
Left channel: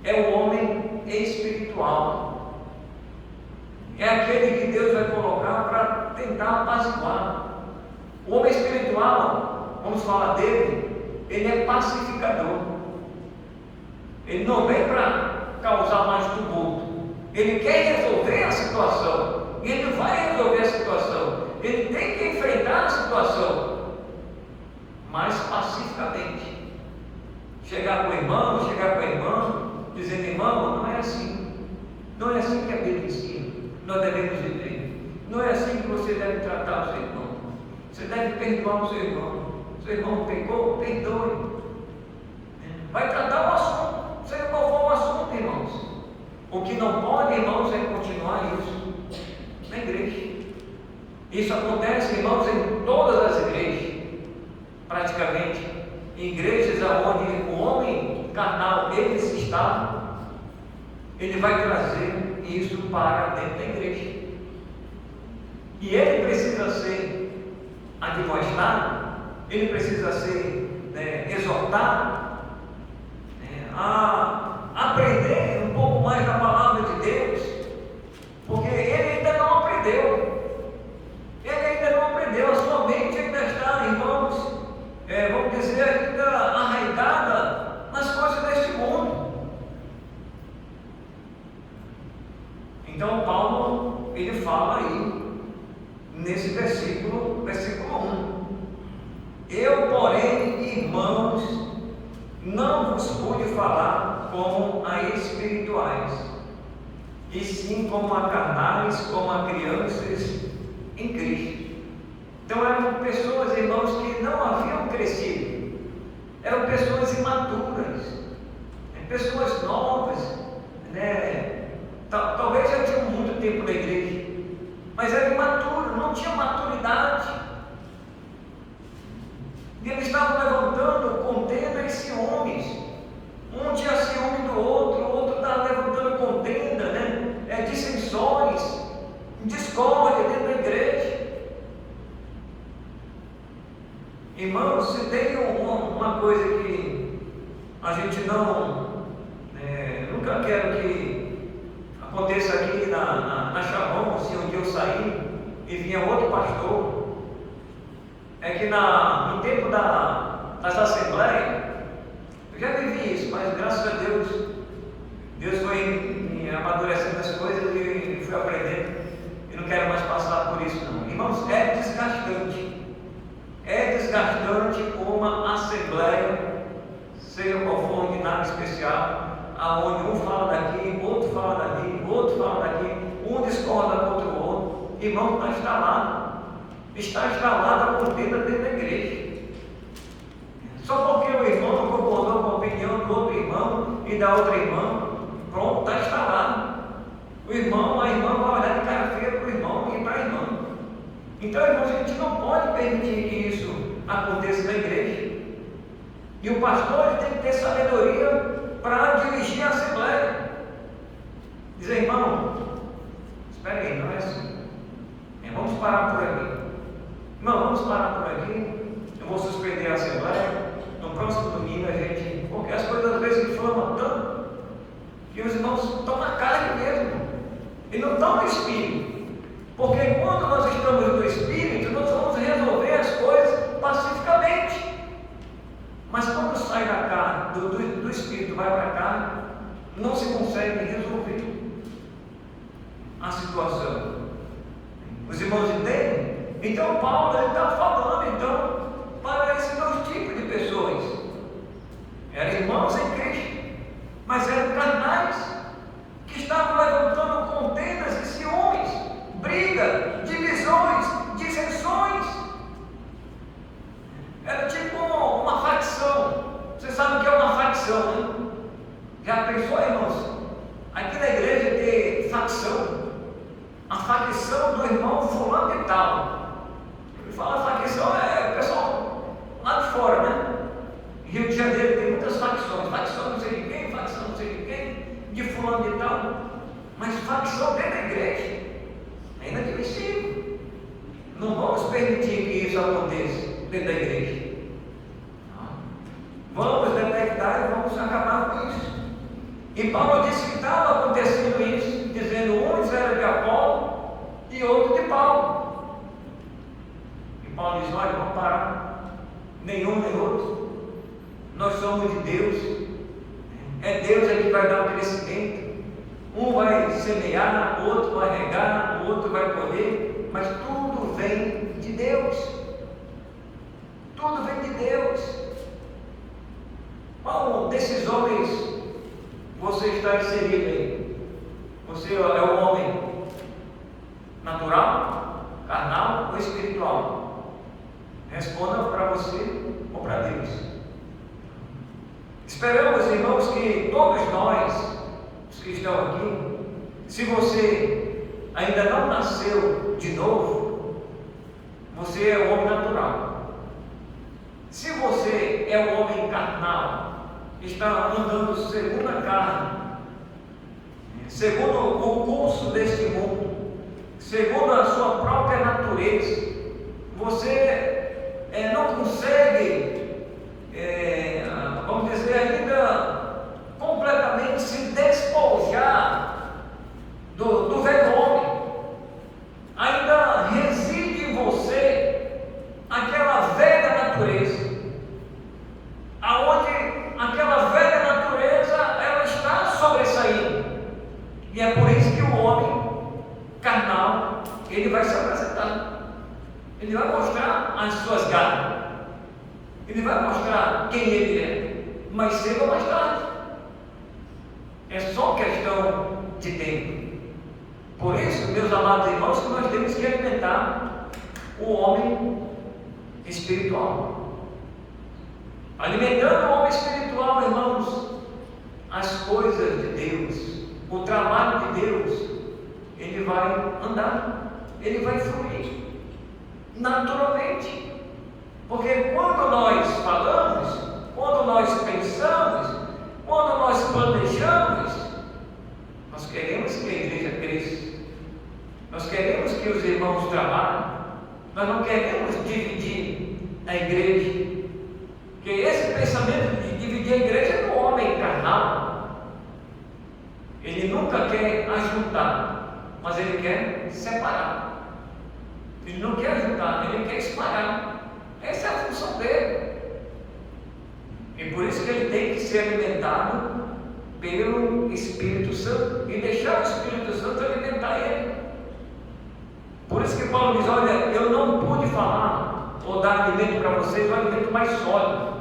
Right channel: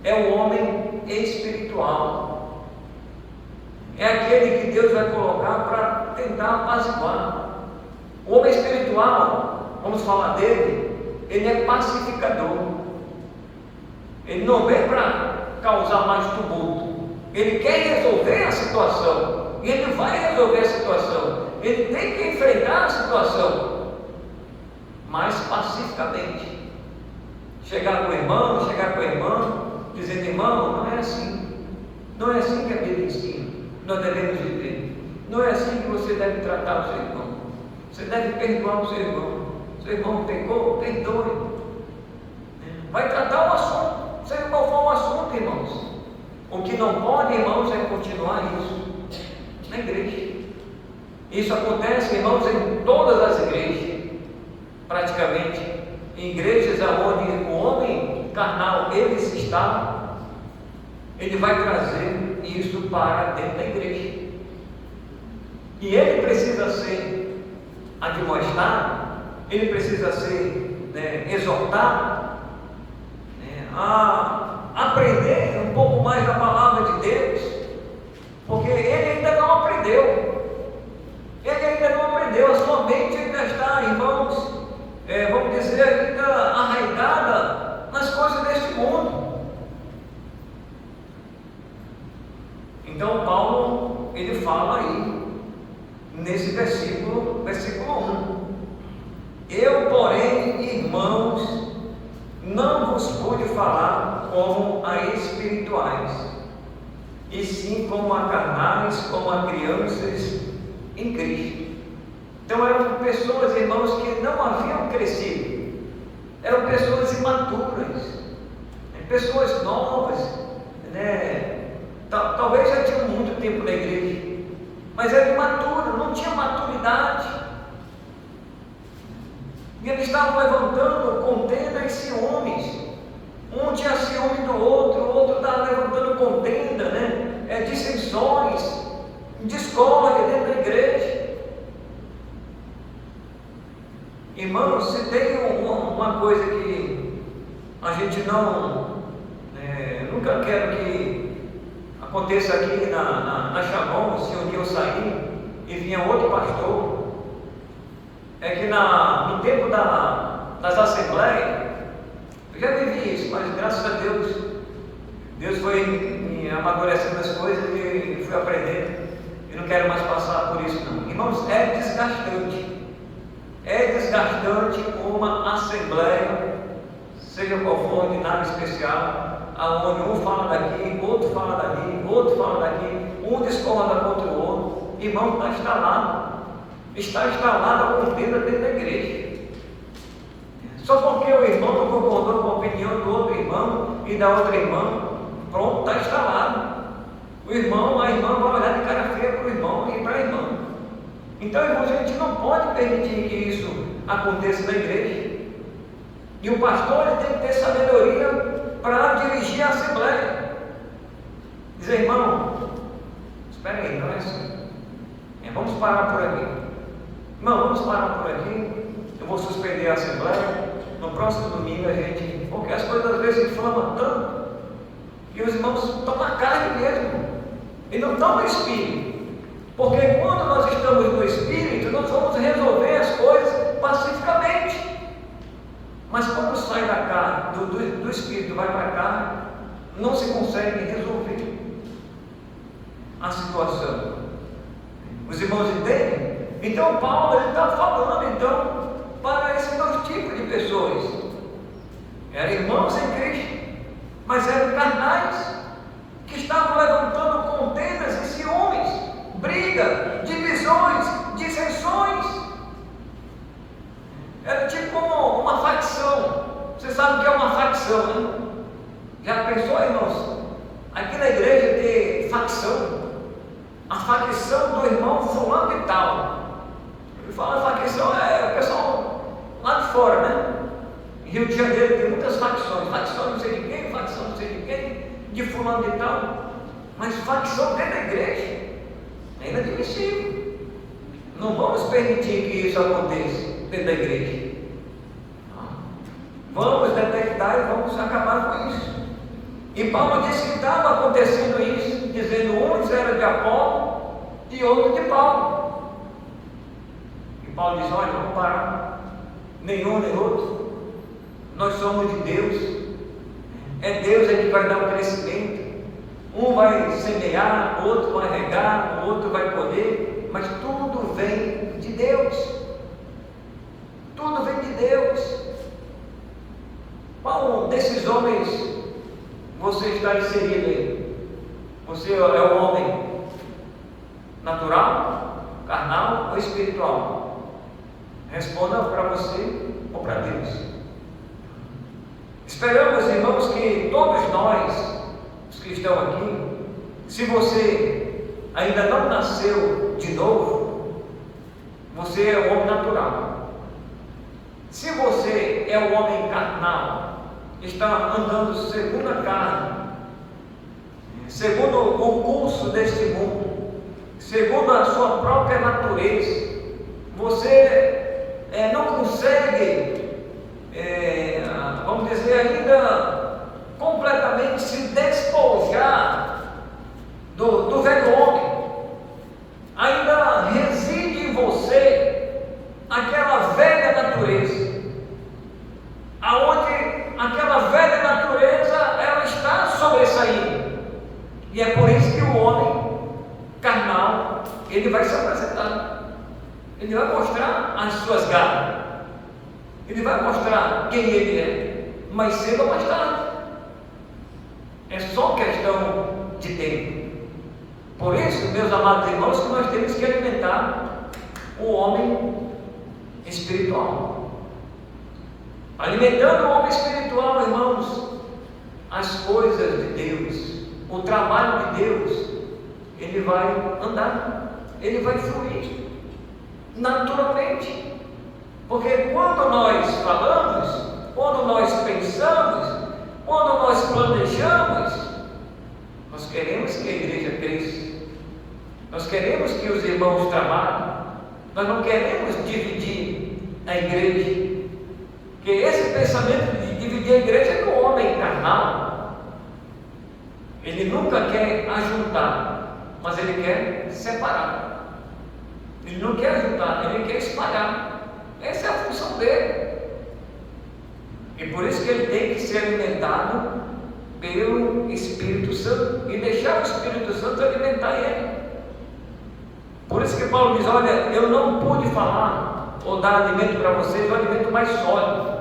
é o homem espiritual. É aquele que Deus vai colocar para tentar apaziguar. O homem espiritual, vamos falar dele, ele é pacificador. Ele não vem para causar mais tumulto. Ele quer resolver a situação. E ele vai resolver a situação. Ele tem que enfrentar a situação, mas pacificamente. Chegar com o irmão, chegar com a irmã, dizendo, irmão, não é assim. Não é assim que a Bíblia ensina. Nós devemos viver. Não é assim que você deve tratar o seu irmão. Você deve perdoar o seu irmão. Seu irmão pecou, perdoe. Vai tratar o assunto, seja qual for o assunto, irmãos. O que não pode, irmãos, é continuar isso na igreja. Isso acontece, irmãos, em todas as igrejas, praticamente. Em igrejas onde o homem carnal, ele se está, ele vai trazer isso para dentro da igreja. E ele precisa ser admoestado, ele precisa ser exortado, a aprender um pouco mais da palavra de Deus, porque ele ainda não aprendeu. Ele ainda não aprendeu, a sua mente ainda está, irmãos, vamos dizer, ainda arraigada nas coisas deste mundo. Então Paulo, ele fala aí, nesse versículo 1. Eu, porém, irmãos, não vos pude falar como a espirituais, e sim como a carnais, como a crianças em Cristo. Então eram pessoas, irmãos, que não haviam crescido, eram pessoas imaturas, pessoas novas, talvez já tinham muito tempo na igreja, mas eram imaturos, não tinham maturidade, e eles estavam levantando contendas e ciúmes. Um tinha ciúme do outro, o outro estava levantando contenda, dissensões, discórdia dentro da igreja. Irmãos, se tem uma coisa que a gente nunca quero que aconteça aqui na Shalom, se um dia eu sair e vinha outro pastor, é que no tempo das assembleias, eu já vivi isso, mas graças a Deus, Deus foi me amadurecendo as coisas e fui aprendendo. E não quero mais passar por isso não. Irmãos, é desgastante. É desgastante uma assembleia, seja qual for, de nada especial, aonde um fala daqui, outro fala dali, outro fala daqui, um discorda contra o outro. Irmão, está instalada a contenda dentro da igreja. Só porque o irmão não concordou com a opinião do outro irmão e da outra irmã, pronto, está instalado. A irmã vai olhar de cara feia para o irmão e para a irmã. Então, irmãos, a gente não pode permitir que isso aconteça na igreja. E o pastor ele tem que ter sabedoria para dirigir a assembleia. Dizer, irmão, espera aí, não é assim. Vamos parar por aqui. Irmão, vamos parar por aqui. Eu vou suspender a assembleia. No próximo domingo a gente. Porque as coisas às vezes inflamam tanto que os irmãos estão na carne mesmo. E não estão no espírito. Porque quando nós estamos no espírito, nós vamos resolver as coisas pacificamente. Mas quando sai da carne, do espírito vai para a carne, não se consegue resolver a situação. Os irmãos entendem? Então Paulo está falando então para esses dois tipos de pessoas. Eram irmãos em Cristo, mas eram carnais, que estavam levantando contendas e ciúmes, briga, divisões, dissensões. Era tipo uma facção. Você sabe o que é uma facção, né? Já pensou, irmãos? Aqui na igreja ter facção. A facção do irmão fulano e tal. Ele fala facção é o pessoal lá de fora, né? Em Rio de Janeiro tem muitas facções. Facção não sei de quem, facção não sei de quem, de fulano e tal. Mas facção dentro da igreja é inadmissível. Não vamos permitir que isso aconteça dentro da igreja. Vamos detectar e vamos acabar com isso. E Paulo disse que estava acontecendo isso, dizendo uns eram de Apolo e outros de Paulo. E Paulo diz, olha, vamos parar. Nenhum nem outro. Nós somos de Deus. É Deus que vai dar o crescimento. Um vai semear, o outro vai regar, o outro vai colher, mas tudo vem de Deus. Tudo vem de Deus. Qual desses homens você está inserido aí? Você é um homem natural, carnal ou espiritual? Responda para você ou para Deus. Esperamos, irmãos, que todos nós, os que estão aqui, se você ainda não nasceu de novo, você é um homem natural. Se você é um homem carnal, está andando segundo a carne, segundo o curso deste mundo, segundo a sua própria natureza, você não consegue, vamos dizer, ainda completamente se despojar do velho homem. Ainda reside em você aquela velha natureza, aonde aquela velha natureza ela está sobressaindo. E é por isso que o homem carnal ele vai se apresentar. Ele vai mostrar as suas garras. Ele vai mostrar quem ele é. Mais cedo ou mais tarde. É só questão de tempo. Por isso, meus amados irmãos, que nós temos que alimentar o homem espiritual. Alimentando o homem espiritual, irmãos, as coisas de Deus, o trabalho de Deus, ele vai andar, ele vai fluir naturalmente. Porque quando nós falamos, quando nós pensamos, quando nós planejamos, nós queremos que a igreja cresça, nós queremos que os irmãos trabalhem, nós não queremos dividir a igreja. Porque esse pensamento de dividir a igreja é do homem carnal. Ele nunca quer ajuntar, mas ele quer separar. Ele não quer ajuntar, ele quer espalhar. Essa é a função dele. E por isso que ele tem que ser alimentado pelo Espírito Santo e deixar o Espírito Santo alimentar ele. Por isso que Paulo diz: olha, eu não pude falar ou dar alimento para vocês, um alimento mais sólido.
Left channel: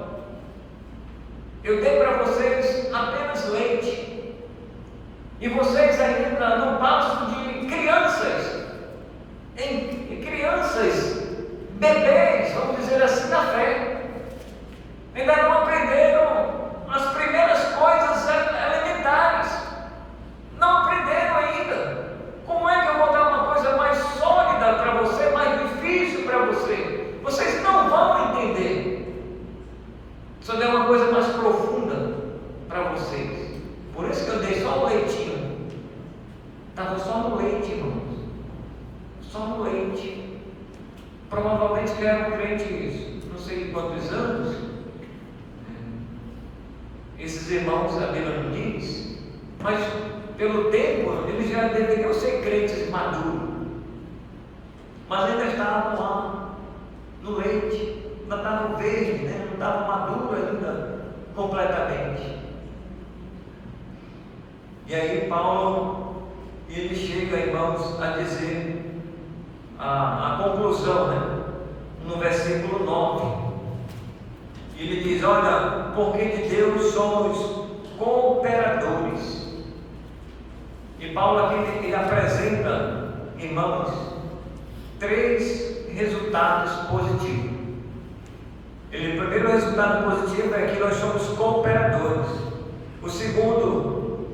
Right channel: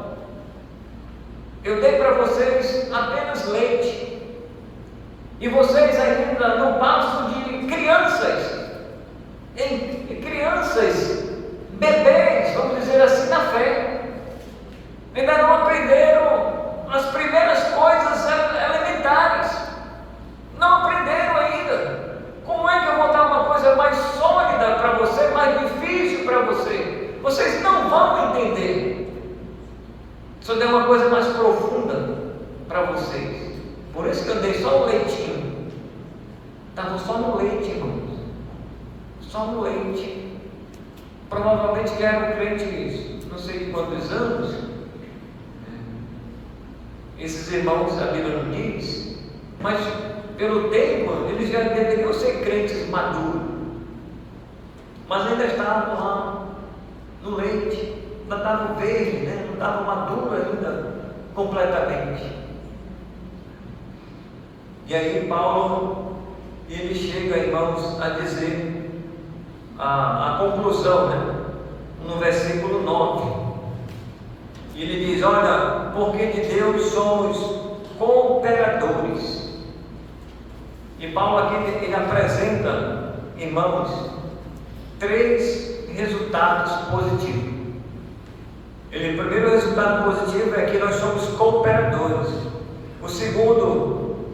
Eu dei para vocês apenas leite, e vocês ainda não passam de crianças, bebês, vamos dizer assim, na fé. Ainda não aprenderam as primeiras coisas elementares, não aprenderam ainda. Como é que eu vou dar uma coisa mais sólida para você, mais difícil para você? Vocês não vão entender. Se eu der uma coisa mais profunda para vocês, por isso que eu dei só o leitinho. Estava só no leite, irmãos, só no leite. Provavelmente que eram crentes, não sei de quantos anos, esses irmãos, a Bíblia não diz, mas pelo tempo eles já deveriam ser crentes maduros, mas ainda estavam lá no leite, ainda estavam verdes, né? Não estavam maduros ainda completamente. E aí Paulo, ele chega, irmãos, a dizer a conclusão, né? No versículo 9. E ele diz: olha, porque de Deus somos cooperadores. E Paulo aqui ele apresenta, irmãos, 3 resultados positivos. O primeiro resultado positivo é que nós somos cooperadores. O segundo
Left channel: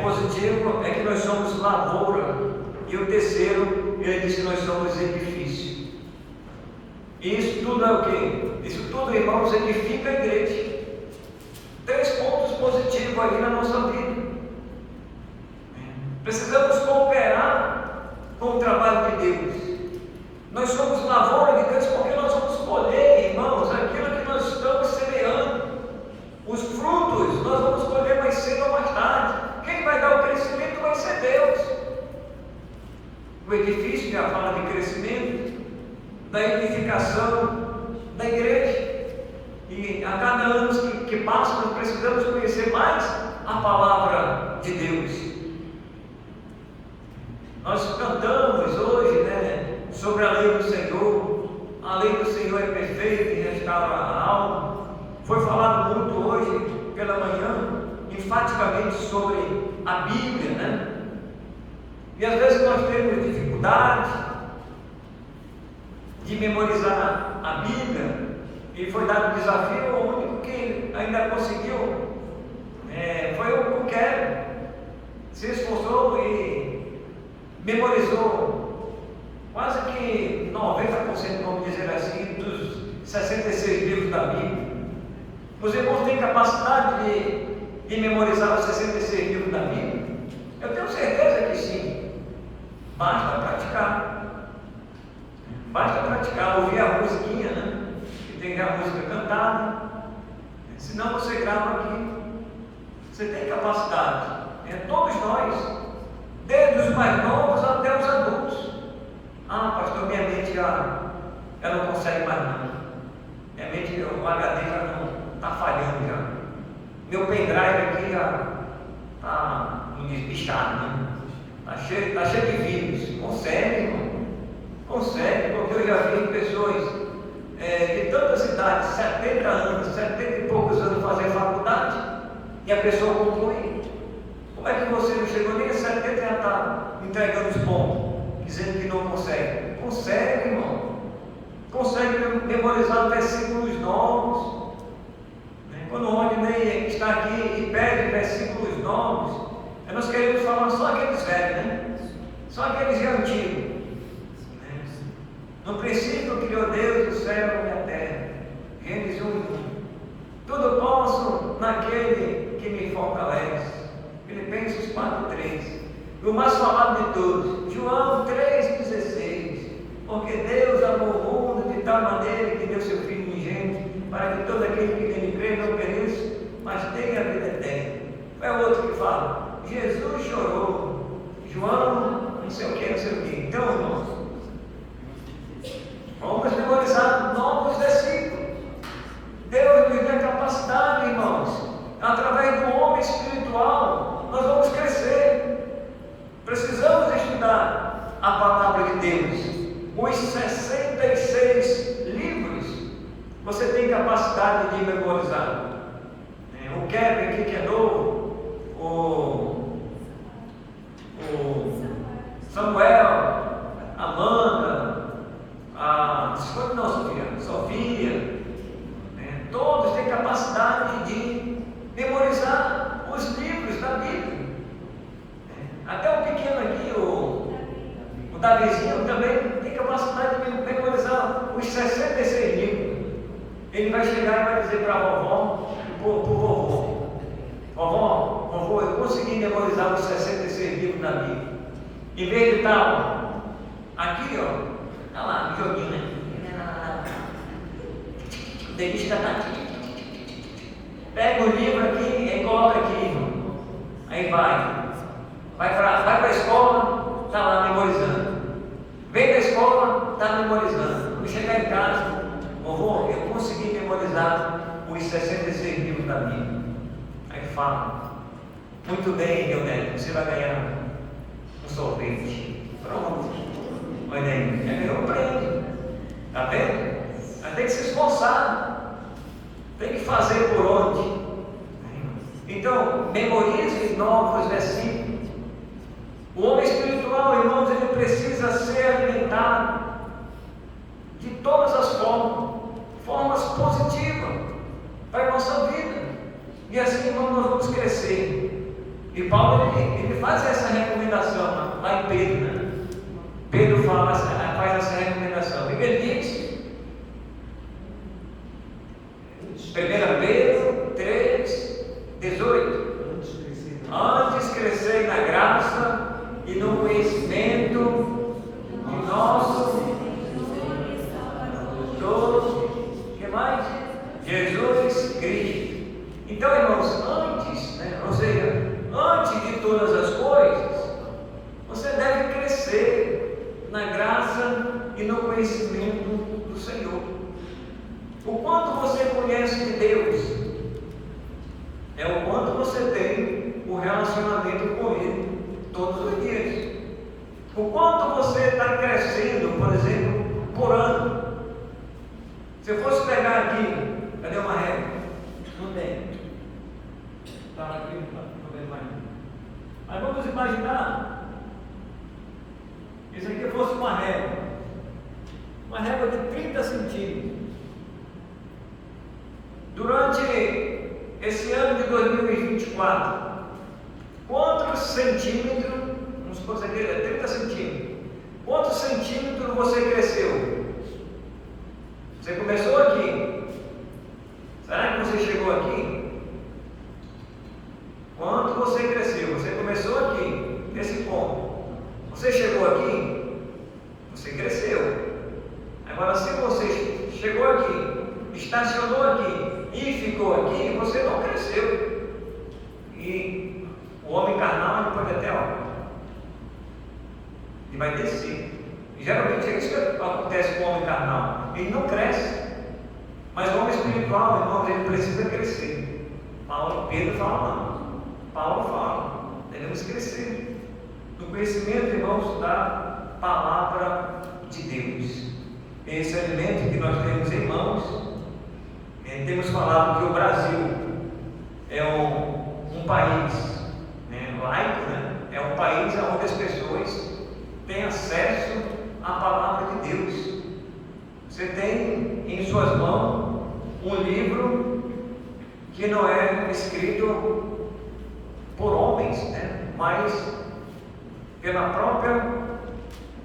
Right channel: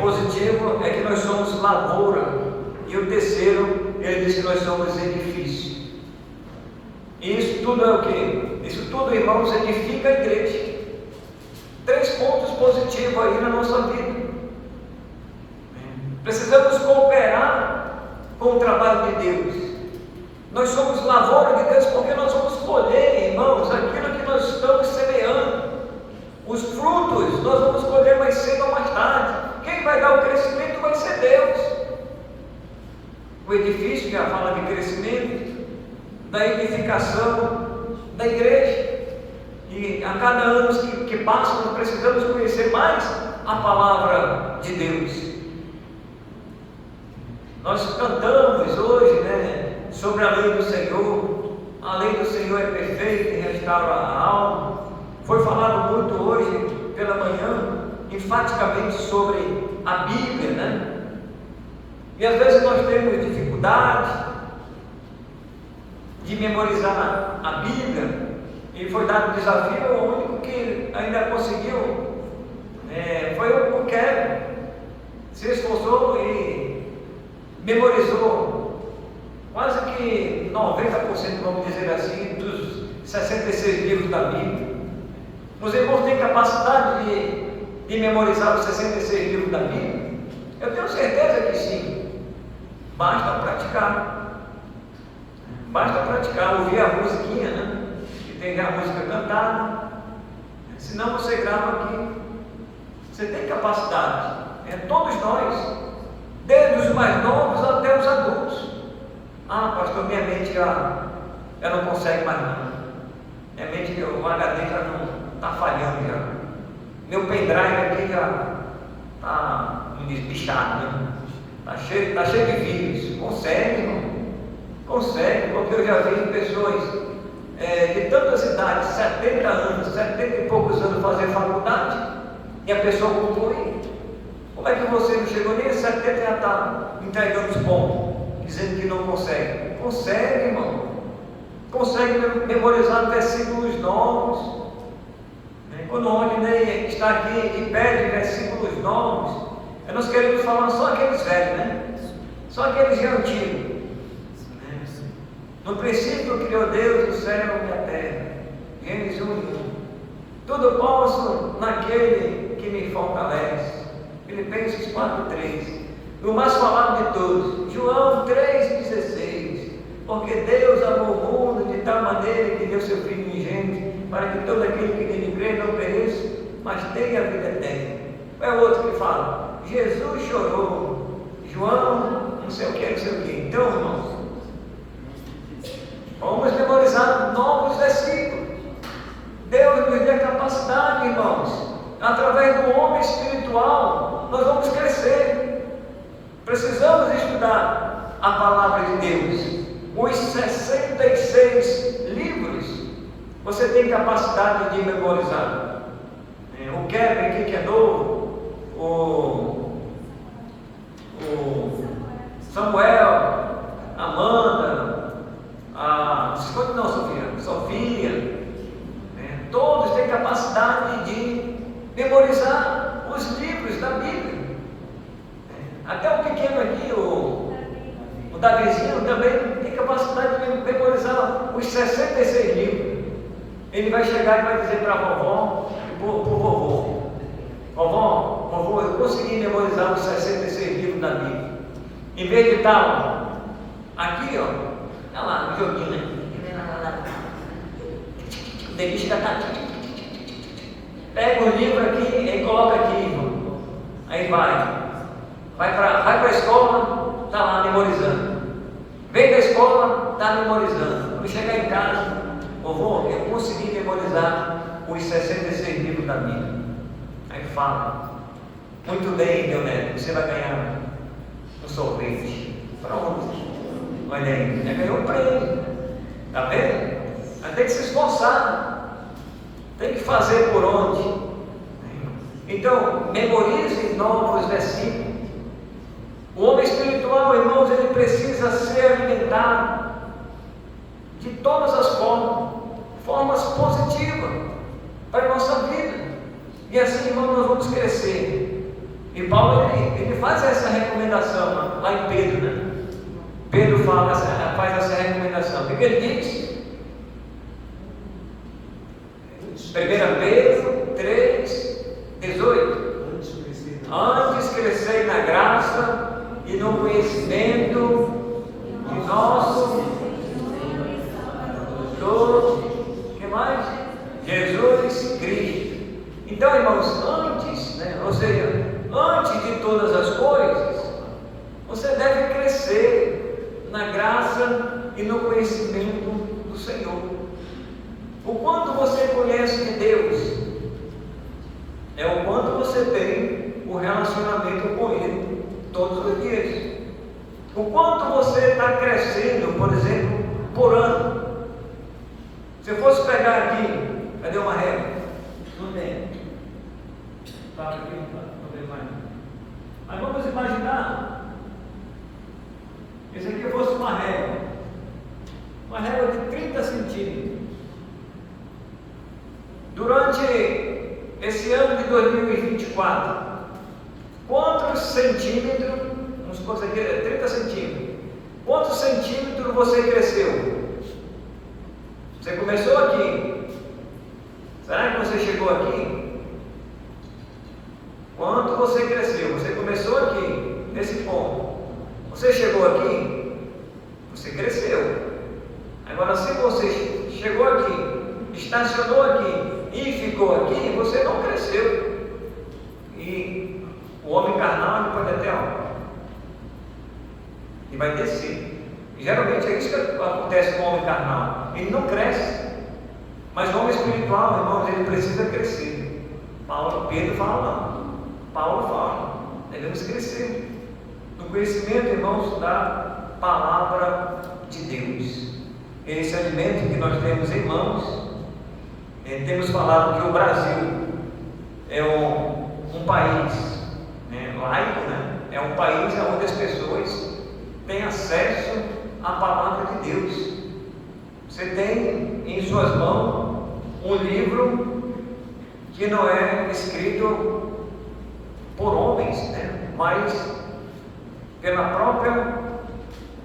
positivo é que nós somos lavoura. E o terceiro, ele diz que nós somos edifício. E isso tudo é o quê? Isso tudo, irmãos, edifica a igreja. 3 pontos positivos aí na nossa vida. Precisamos cooperar com o trabalho de Deus. Nós somos lavoura de Deus porque nós vamos colher, irmãos, aquilo que nós estamos semeando. Os frutos nós vamos colher mais cedo ou mais tarde. Quem vai dar o crescimento vai ser Deus. O edifício já fala de crescimento, da edificação da igreja. E a cada ano que passa, nós precisamos conhecer mais a palavra de Deus. Nós cantamos hoje, né, sobre a lei do Senhor. A lei do Senhor é perfeita e restaura a alma. Foi falado muito hoje pela manhã, enfaticamente, sobre a Bíblia, né? E às vezes nós temos dificuldade de memorizar a Bíblia, e foi dado um desafio. O único que ainda conseguiu foi o Kevin. Se esforçou e memorizou quase que 90%, vamos dizer assim, dos 66 livros da Bíblia. Os irmãos têm capacidade de memorizar os 66 livros da Bíblia? Eu tenho certeza que sim. Basta praticar. Basta praticar, ouvir a musiquinha, né? E tem a música cantada. Senão você grava aqui. Você tem capacidade. Todos nós, desde os mais novos até os adultos. Ah, pastor, minha mente já não consegue mais não. Minha mente, o HD já não está falhando já. Meu pendrive aqui já está bichado, né? Está cheio de vírus. Consegue, irmão? Consegue, porque eu já vi pessoas de tantas idades, 70 anos, 70 e poucos anos, fazer faculdade, e a pessoa conclui. Como é que você não chegou nem a 70 e já está entregando os pontos, dizendo que não consegue? Consegue, irmão. Consegue memorizar versículos novos. Quando o Rodney está aqui e pede versículos novos, nós queremos falar só aqueles velhos, né? Só aqueles já antigos. No princípio criou Deus o céu e a terra. Gênesis 1:1. Tudo posso naquele que me fortalece. Filipenses 4:3. E o mais falado de todos, João 3:16. Porque Deus amou o mundo de tal maneira que deu seu Filho unigênito, para que todo aquele que nele crê não pereça, mas tenha a vida eterna. É o outro que fala. Jesus chorou, João, não sei o que, não sei o que. Então, irmãos, vamos memorizar novos versículos. Deus nos dê capacidade, irmãos. Através do homem espiritual, nós vamos crescer. Precisamos estudar a palavra de Deus. Os 66 livros, você tem capacidade de memorizar. O Kevin aqui que é novo, o Samuel, Amanda, Sofia, todos têm capacidade de memorizar os livros da Bíblia. Até o pequeno aqui, o Davizinho, também tem capacidade de memorizar os 66 livros. Ele vai chegar e vai dizer para a vovó e para o vovô: vovô, eu consegui memorizar os 66 livros da Bíblia. Em vez de estar aqui, olha lá, no joguinho, né? O dentista está aqui. Pega o livro aqui e coloca aqui, irmão. Aí vai para a escola, está lá memorizando. Vem da escola, está memorizando. Quando chegar em casa, vovô, eu consegui memorizar os 66 livros da Bíblia. Aí fala: muito bem, Leonel, você vai ganhar um sorvete. Pronto. Olha aí, já ganhou um prêmio. Está vendo? Mas tem que se esforçar. Tem que fazer por onde. Então, memorize novos versículos. O homem espiritual, irmãos, ele precisa ser alimentado de todas as formas positivas para a nossa vida. E assim, irmãos, nós vamos crescer. E Paulo, ele faz essa recomendação lá em Pedro, né? Pedro faz essa recomendação. O que ele diz? 1 Pedro 3, 18. Antes crescei na graça e no conhecimento de nosso que mais? Jesus Cristo. Então, irmãos, antes, ou seja, antes de todas as coisas, você deve crescer na graça e no conhecimento do Senhor. O quanto você conhece de Deus é o quanto você tem o relacionamento com Ele todos os dias. O quanto você está crescendo, por exemplo, por ano. Se eu fosse pegar aqui, cadê uma régua? Não tem. Está aqui, não tem mais. Mas vamos imaginar, isso aqui fosse uma régua de 30 centímetros. Durante esse ano de 2024, quantos centímetros, vamos supor que aqui é 30 centímetros, quantos centímetros você cresceu? Você começou aqui, será que você chegou aqui? Quanto você cresceu? Você começou aqui, nesse ponto, você chegou aqui, você cresceu. Agora, se você chegou aqui, estacionou aqui e ficou aqui, você não cresceu. E o homem carnal pode até, e vai descer. E geralmente é isso que acontece com o homem carnal. Ele não cresce. Mas o homem espiritual, irmãos, ele precisa crescer. Pedro fala, Paulo fala, devemos crescer no conhecimento, irmãos, da palavra de Deus. Esse alimento que nós temos em mãos. Temos falado que o Brasil é um país laico, é um país onde as pessoas têm acesso à palavra de Deus. Você tem em suas mãos um livro que não é escrito por homens, mas pela própria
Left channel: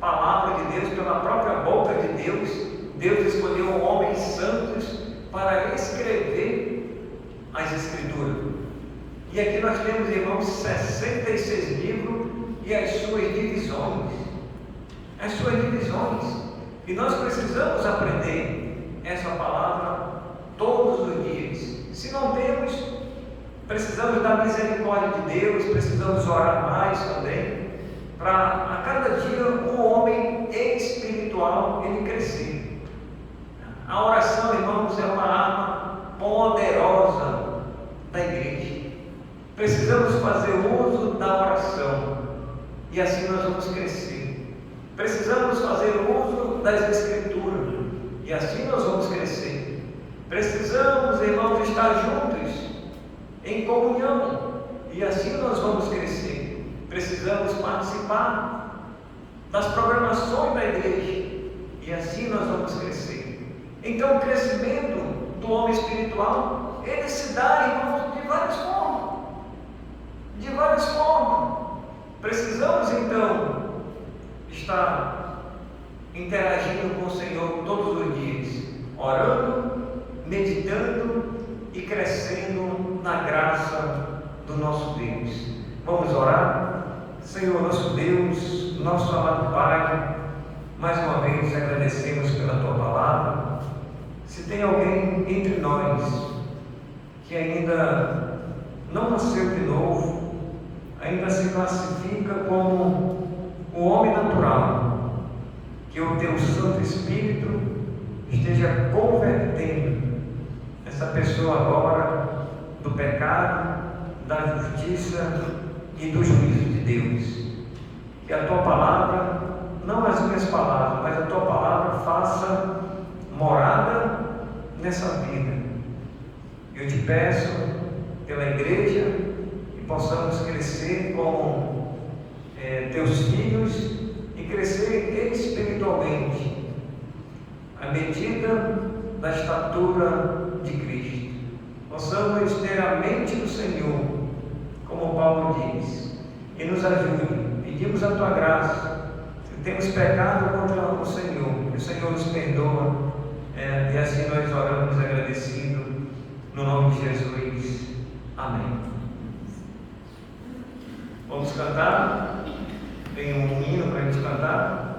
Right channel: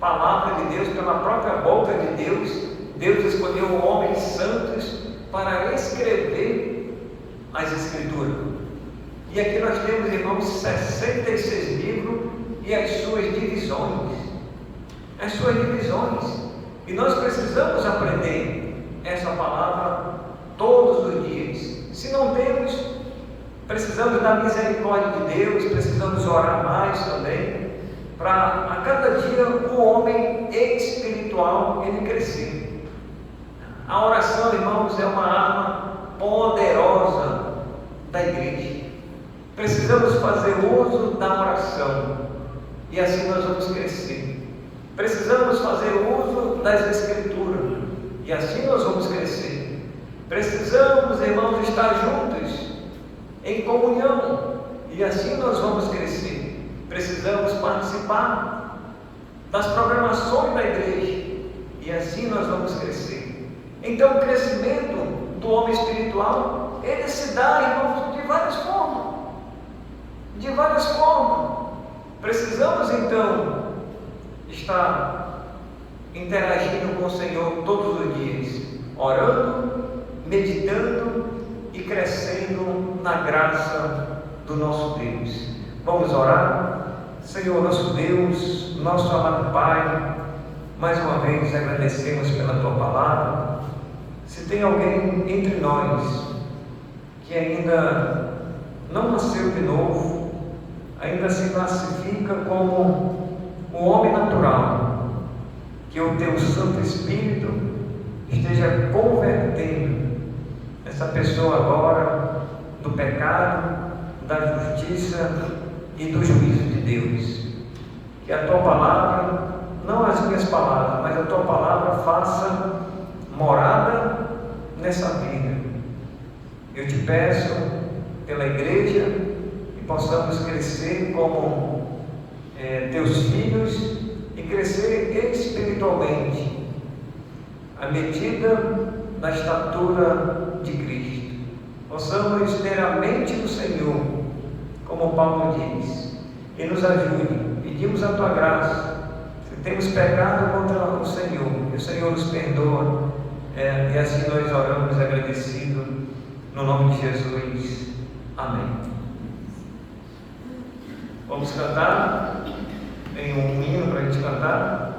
palavra de Deus, pela própria boca de Deus. Deus escolheu homens santos para escrever as Escrituras. E aqui nós temos, irmãos, 66 livros e as suas divisões. As suas divisões. E nós precisamos aprender essa palavra todos os dias. Se não temos, precisamos da misericórdia de Deus, precisamos orar. poderosa da igreja. Precisamos fazer uso da oração e assim nós vamos crescer. Precisamos fazer uso das Escrituras e assim nós vamos crescer. Precisamos, irmãos, estar juntos em comunhão e assim nós vamos crescer. Precisamos participar das programações da igreja e assim nós vamos crescer. Então o crescimento do homem espiritual, ele se dá, irmãos, de várias formas. De várias formas. Precisamos então estar interagindo com o Senhor todos os dias, orando, meditando e crescendo na graça do nosso Deus. Vamos orar? Senhor, nosso Deus, nosso amado Pai, mais uma vez agradecemos pela Tua palavra. Se tem alguém entre nós que ainda não nasceu de novo, ainda se classifica como o homem natural, que o Teu Santo Espírito esteja convertendo essa pessoa agora do pecado, da justiça e do juízo de Deus. Que a Tua palavra, não as minhas palavras, mas a Tua palavra faça morada nessa vida. Eu te peço pela igreja que possamos crescer como Teus filhos e crescer espiritualmente à medida da estatura de Cristo. Possamos ter a mente do Senhor, como Paulo diz, e nos ajude. Pedimos a Tua graça. Se temos pecado contra o Senhor, que o Senhor nos perdoa, e assim nós oramos agradecidos no nome de Jesus. Amém. Vamos cantar? Tem um hino para a gente cantar?